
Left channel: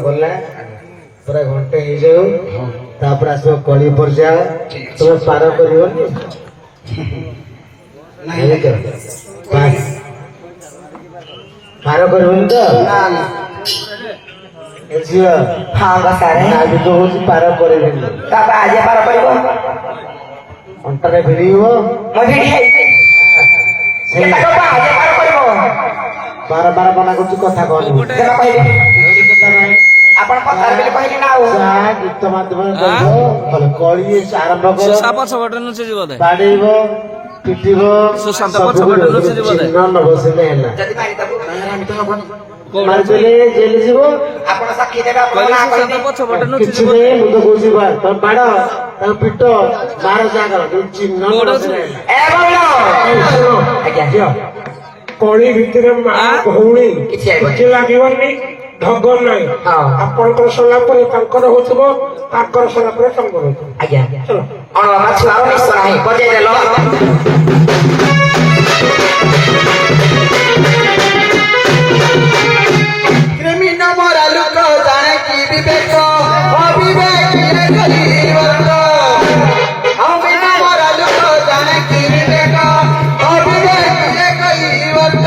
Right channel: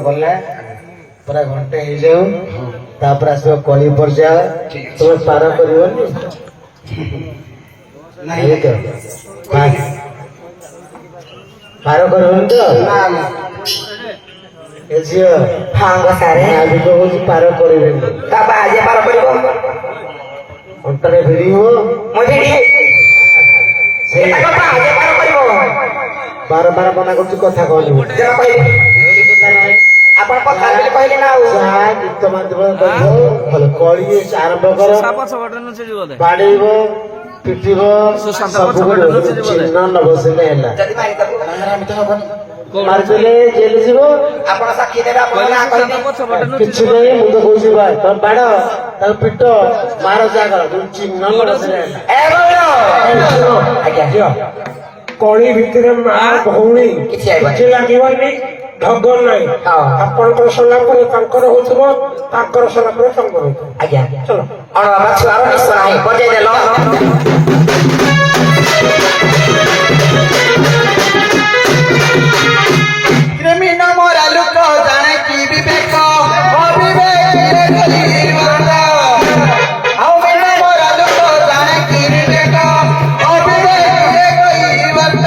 ଗଲା ପୁରା ଘଣ୍ଟେ ହେଇଯାଉ ତାପରେ ଆସିବ କଳି ପର୍ଯ୍ୟାୟ ତମେ ପାର କରିବନି ପାର କରିବନି ତ ଝିଅ ହଁ ସାରେ ନାବିକ ହଉଛି ପାର କରିବେନି ବାବା ଆଜି ପାର କରିବ ଅଣ୍ଟାରେ ଭିଡ଼ିବ ସେଇ ବାର ବାର ମନା କରୁଛି କଥା କହନି ଆପଣ କଥା କହିଲେ ନା ଆଉ ଯାହା ଗୀତ ମାଧ୍ୟମରେ କହିବ ଭଲ କଳି ଆରମ୍ଭ କର ବାଡେଇବ ପିଟିବ ସବୁବେଳେ ଚିହ୍ନ ନ ବସିଲେ ହେଲା ଯଦି ମାରିଦେବୁ ମାରିଦେଲେ ଜେଲ ଯିବ ଆପଣ ସାକ୍ଷୀ ଦେବେ ଆପଣ ନାଁ କହିବେ କିଛି ନାହିଁ ମୁଁ ତ କହୁଛି ବା ତମ ବାଡ ତାକୁ ପିଟ ମାର ଜାଗର ଚିହ୍ନ ନ ବସିଲେ ହେଲା ଆଜ୍ଞା ଝିଅ କଳି ଭିତରେ ମା ଭଉଣୀ କିଛି ଆଇବନି। କିଛି ଲାଗିବନି ଢଗ ନାହିଁ ହଁ। ଆପଣଙ୍କର ସରିଲା ପରେ ତାଙ୍କର ହଉଥିବ ତାଙ୍କର ସରିଲା ପରେ ତାଙ୍କର ହଉଥିବ ଆଜ୍ଞା ଅଣବାବା ଛୁଆର ନିଶ୍ଚୟ ନାହିଁ ବଜେଇ ଦେଲ କ୍ରିମି ନାମର ଲୋକ ଜାଣେ କି ବିବେକ ଅବିବେକରେ ଗରିବର ଅମି ନାମର ଲୋକ ଜାଣେ କି ବିବେକ ଅବିବେକରେ ଗରିବର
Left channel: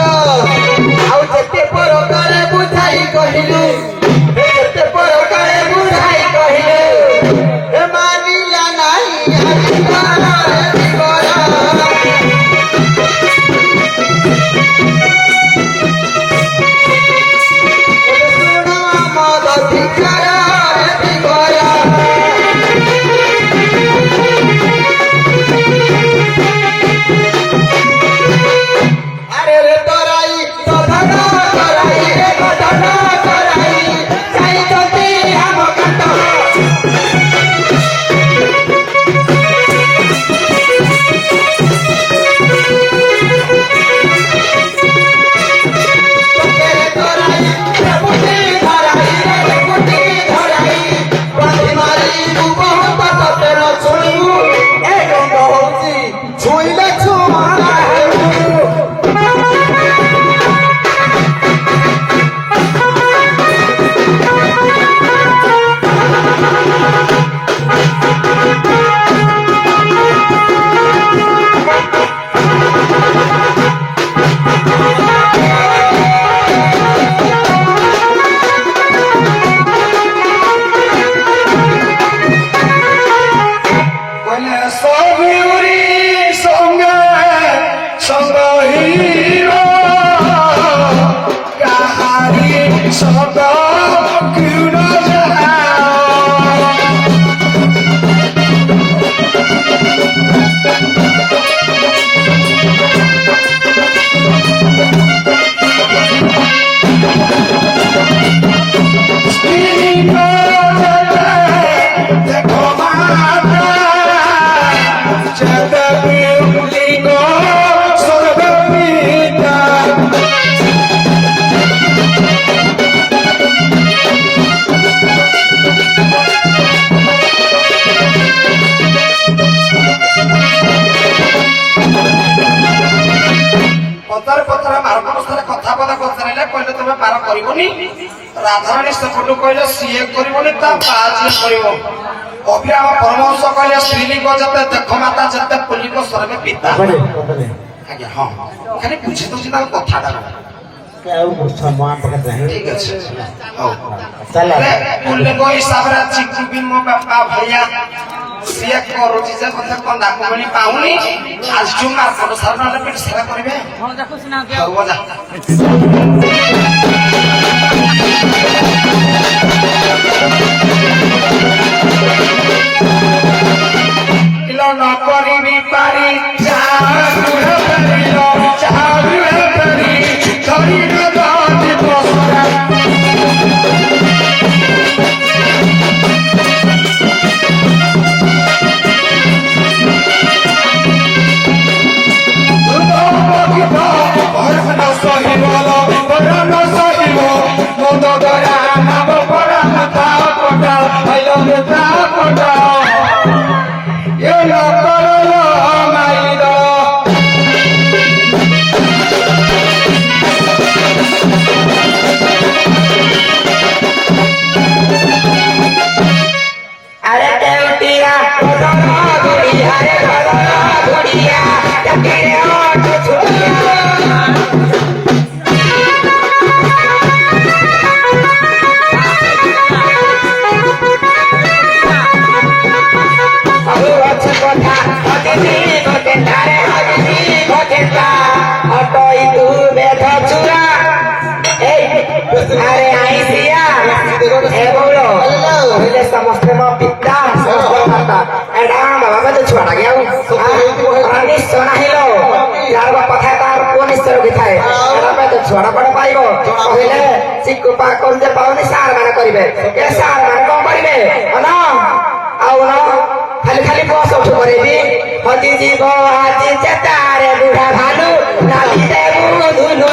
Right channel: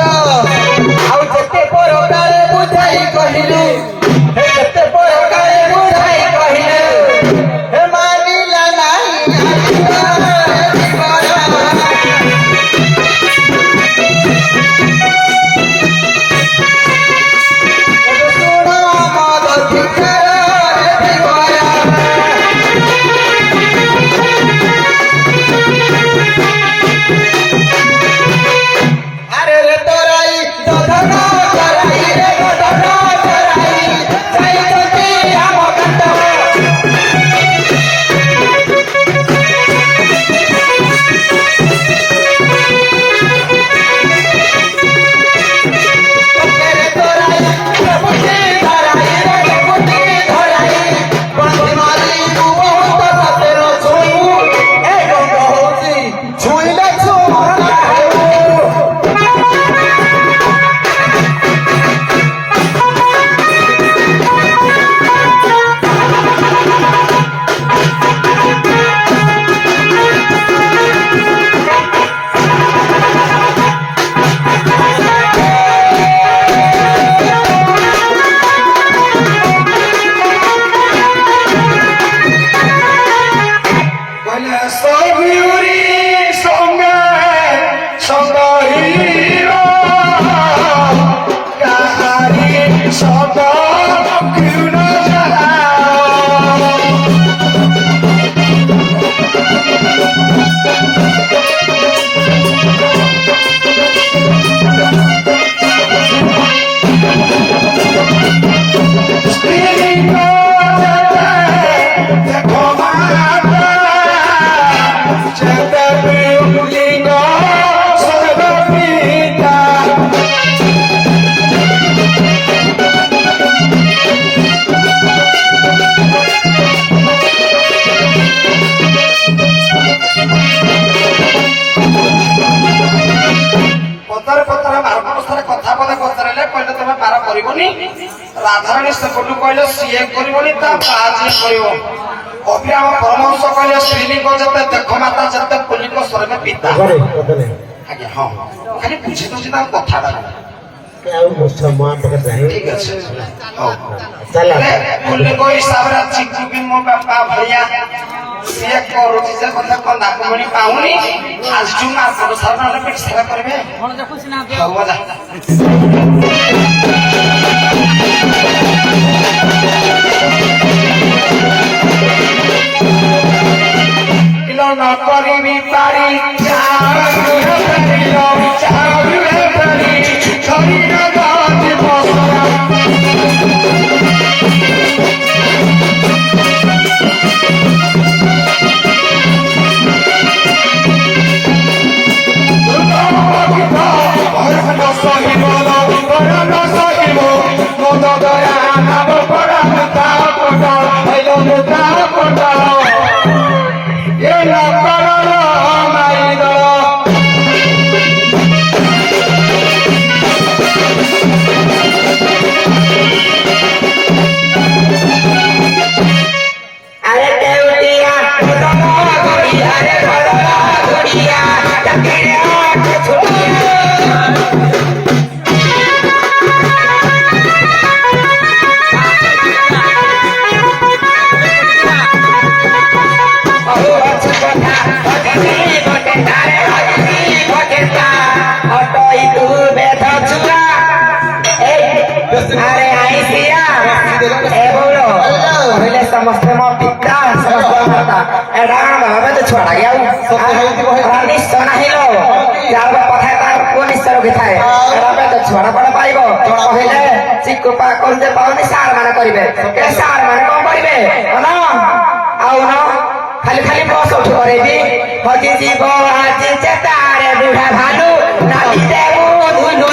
ଆଉ ଯେତେ ପରକାରେ ବୁଝାଇ କହିଲେ ଯେତେ ପରକାରେ ବୁଝାଇ କହିଲେ ହେ ମାନିଲା ନାହିଁ ଜୀବନ ଶୁଣ ମଦ ଧିକାର ଆରେ ରେ ତରାଇ ସଧନ ତରାଇ ରେ ସଧନ ତରାଇ ଚାଇଛନ୍ତି ଆମ କାନ୍ତ रे तराई रे मुझे धराई रे मुझे धराई बंदी मारी तू बहुत पतेर छोड़ू ए गंगा होची छुईला छुमारा When I saw beauty, song hero, kahani song kuno jahao. देखो माता जगत लिंगो सर्वपिता ପଥରେ ପଥରେ ବାର ବର୍ଷରେ କଥା ପଦେ ପଚାରିଲେ କହିଲେ ତମେ ବାର କରିବନି ରାଧାରାଣୀ ସେପଟୁ କହିଲେ ସିଏ କରିବନି ତା ମା ଯିଏ କରିବ ଅଭି ଆମ ପରମହଂସ କହିଲେ ସ୍ତ୍ରୀଲିଙ୍ଗ ଯେତେ ଦେଖ ମାତା ଯେତେ ପୁଲିଙ୍ଗ ସର୍ବେ ପିତା ଆଜ୍ଞା ହଁ ଖାଲି ବୁଝି ଦଉଛି ତାଙ୍କ କଥାଟା ଆଉ ସମୟ ପାଖରେ ନାହିଁ ଠିକ ଅଛି ହଉ ଚାଲ ପୁଲିଙ୍ଗ ହିସାବରେ ଚିକୁ ବି ମୋ ବାପା ଭଳିଆ ସିଏ କରୁଛି ଯେ କଥା କଣ ଡାକୁମଣି ପାଉନି ଆଜି ଯୋଉ ମାର୍କଟ ସାର ନହେଲେ ପିଠି ସେବା କରିବେ ହଉ ମଜା କିଲୋ ନ କରିବି ପାରି ଏଇଟା ବାବା ତ ଛୁଆ ଲାଗେ ଆଉ ନିଶ୍ଚୟ ନାହିଁ ଲୋ ଯାହାର ବାପା ଥାଏ ତାର ପୁଅ ନିଶ୍ଚୟ ରଖିଥାଏ ବାବା ତ ଛୁଆଟା କୁଆଡେ ପାଇବ କହିଲେ ଚିକୁ ପା କରୁଛେ ପାଉନି ସାର୍ ମାନେ କରିବେ ଏ ସାର୍ ମାନେ କଣ କରିବେ ଆଉ ଖାଲି ଖାଲି ବସ ଉଠୁ କରେବି ହକି ଯିବ ଆଜି ଚେତାରେ ବୁଢା ଭାଲୁ ନାଗି ଦେବୁ ଧୁନୁ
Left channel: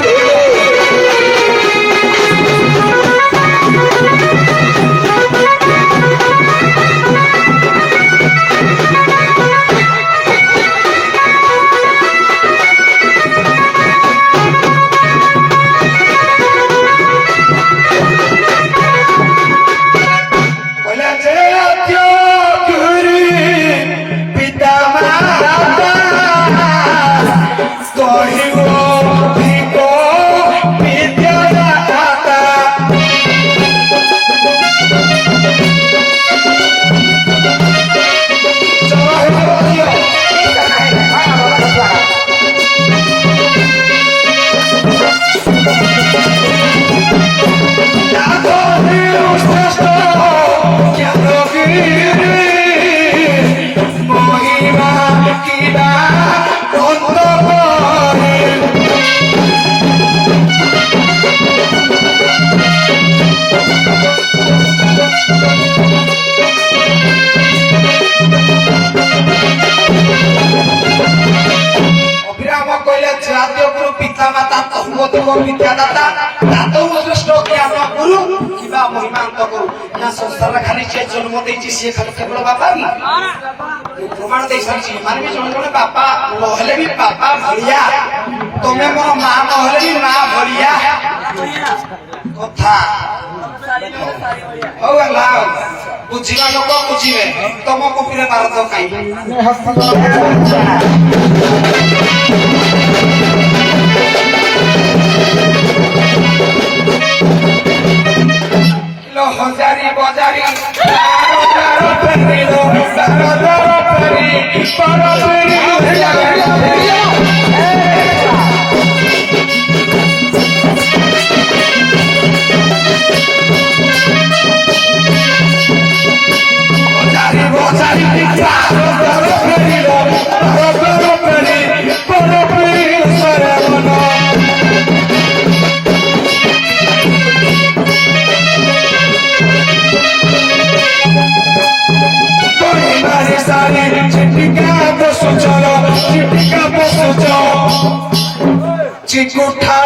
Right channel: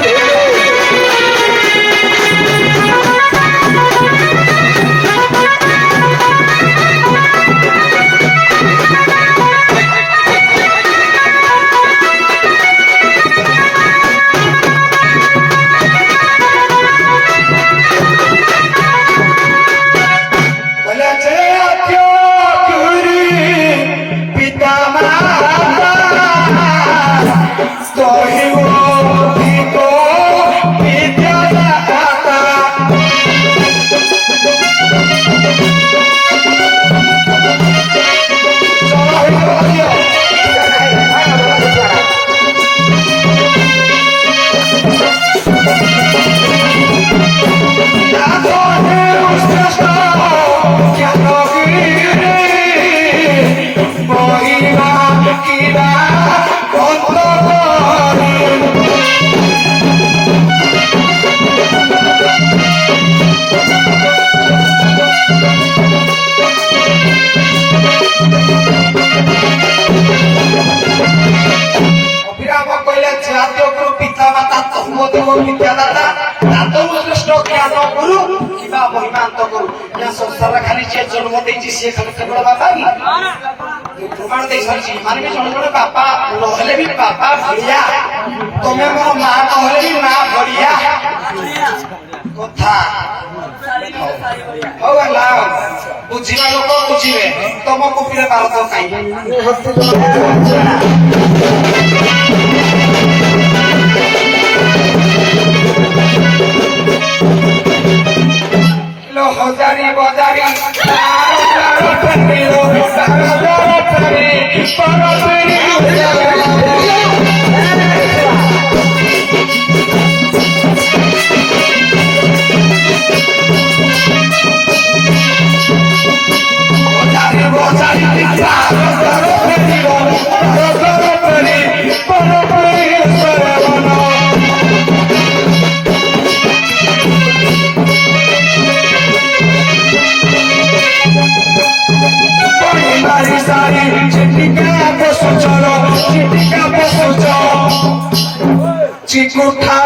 बोले क्यों तुरी पिता माता तो ही वो भी तो विद्या दाता चलो ही बोलियो क्या तो है उसका क्या तो गिरे मोहिमा की बात तो बोले अभिराम कहले जातीय गुरु पिता माता तहुमदेव विद्यादाता दातो श्रेष्ठ ज्ञान गुरु किबा महिमांत गुरु या संसार खाली जे जन्म देछि से खाली केवल बापा की प्रमाण दे सारछि माने भी जण जण बापा नहले भी बापा भलिया तमे मोर मां नहले भी मां भलिया कथा ओ अल्लाह बुझिबा लोक बुझिबे तम कपिले भारत काई लो हजारी बजारी तारो तरी लो तारो तरी परबरी बजारी बजारी तारो तरी लो तारो तरी परबरी सरवना बारी सारी चिटिका पे सुचलो चिटिका पे सुचो चिकुठा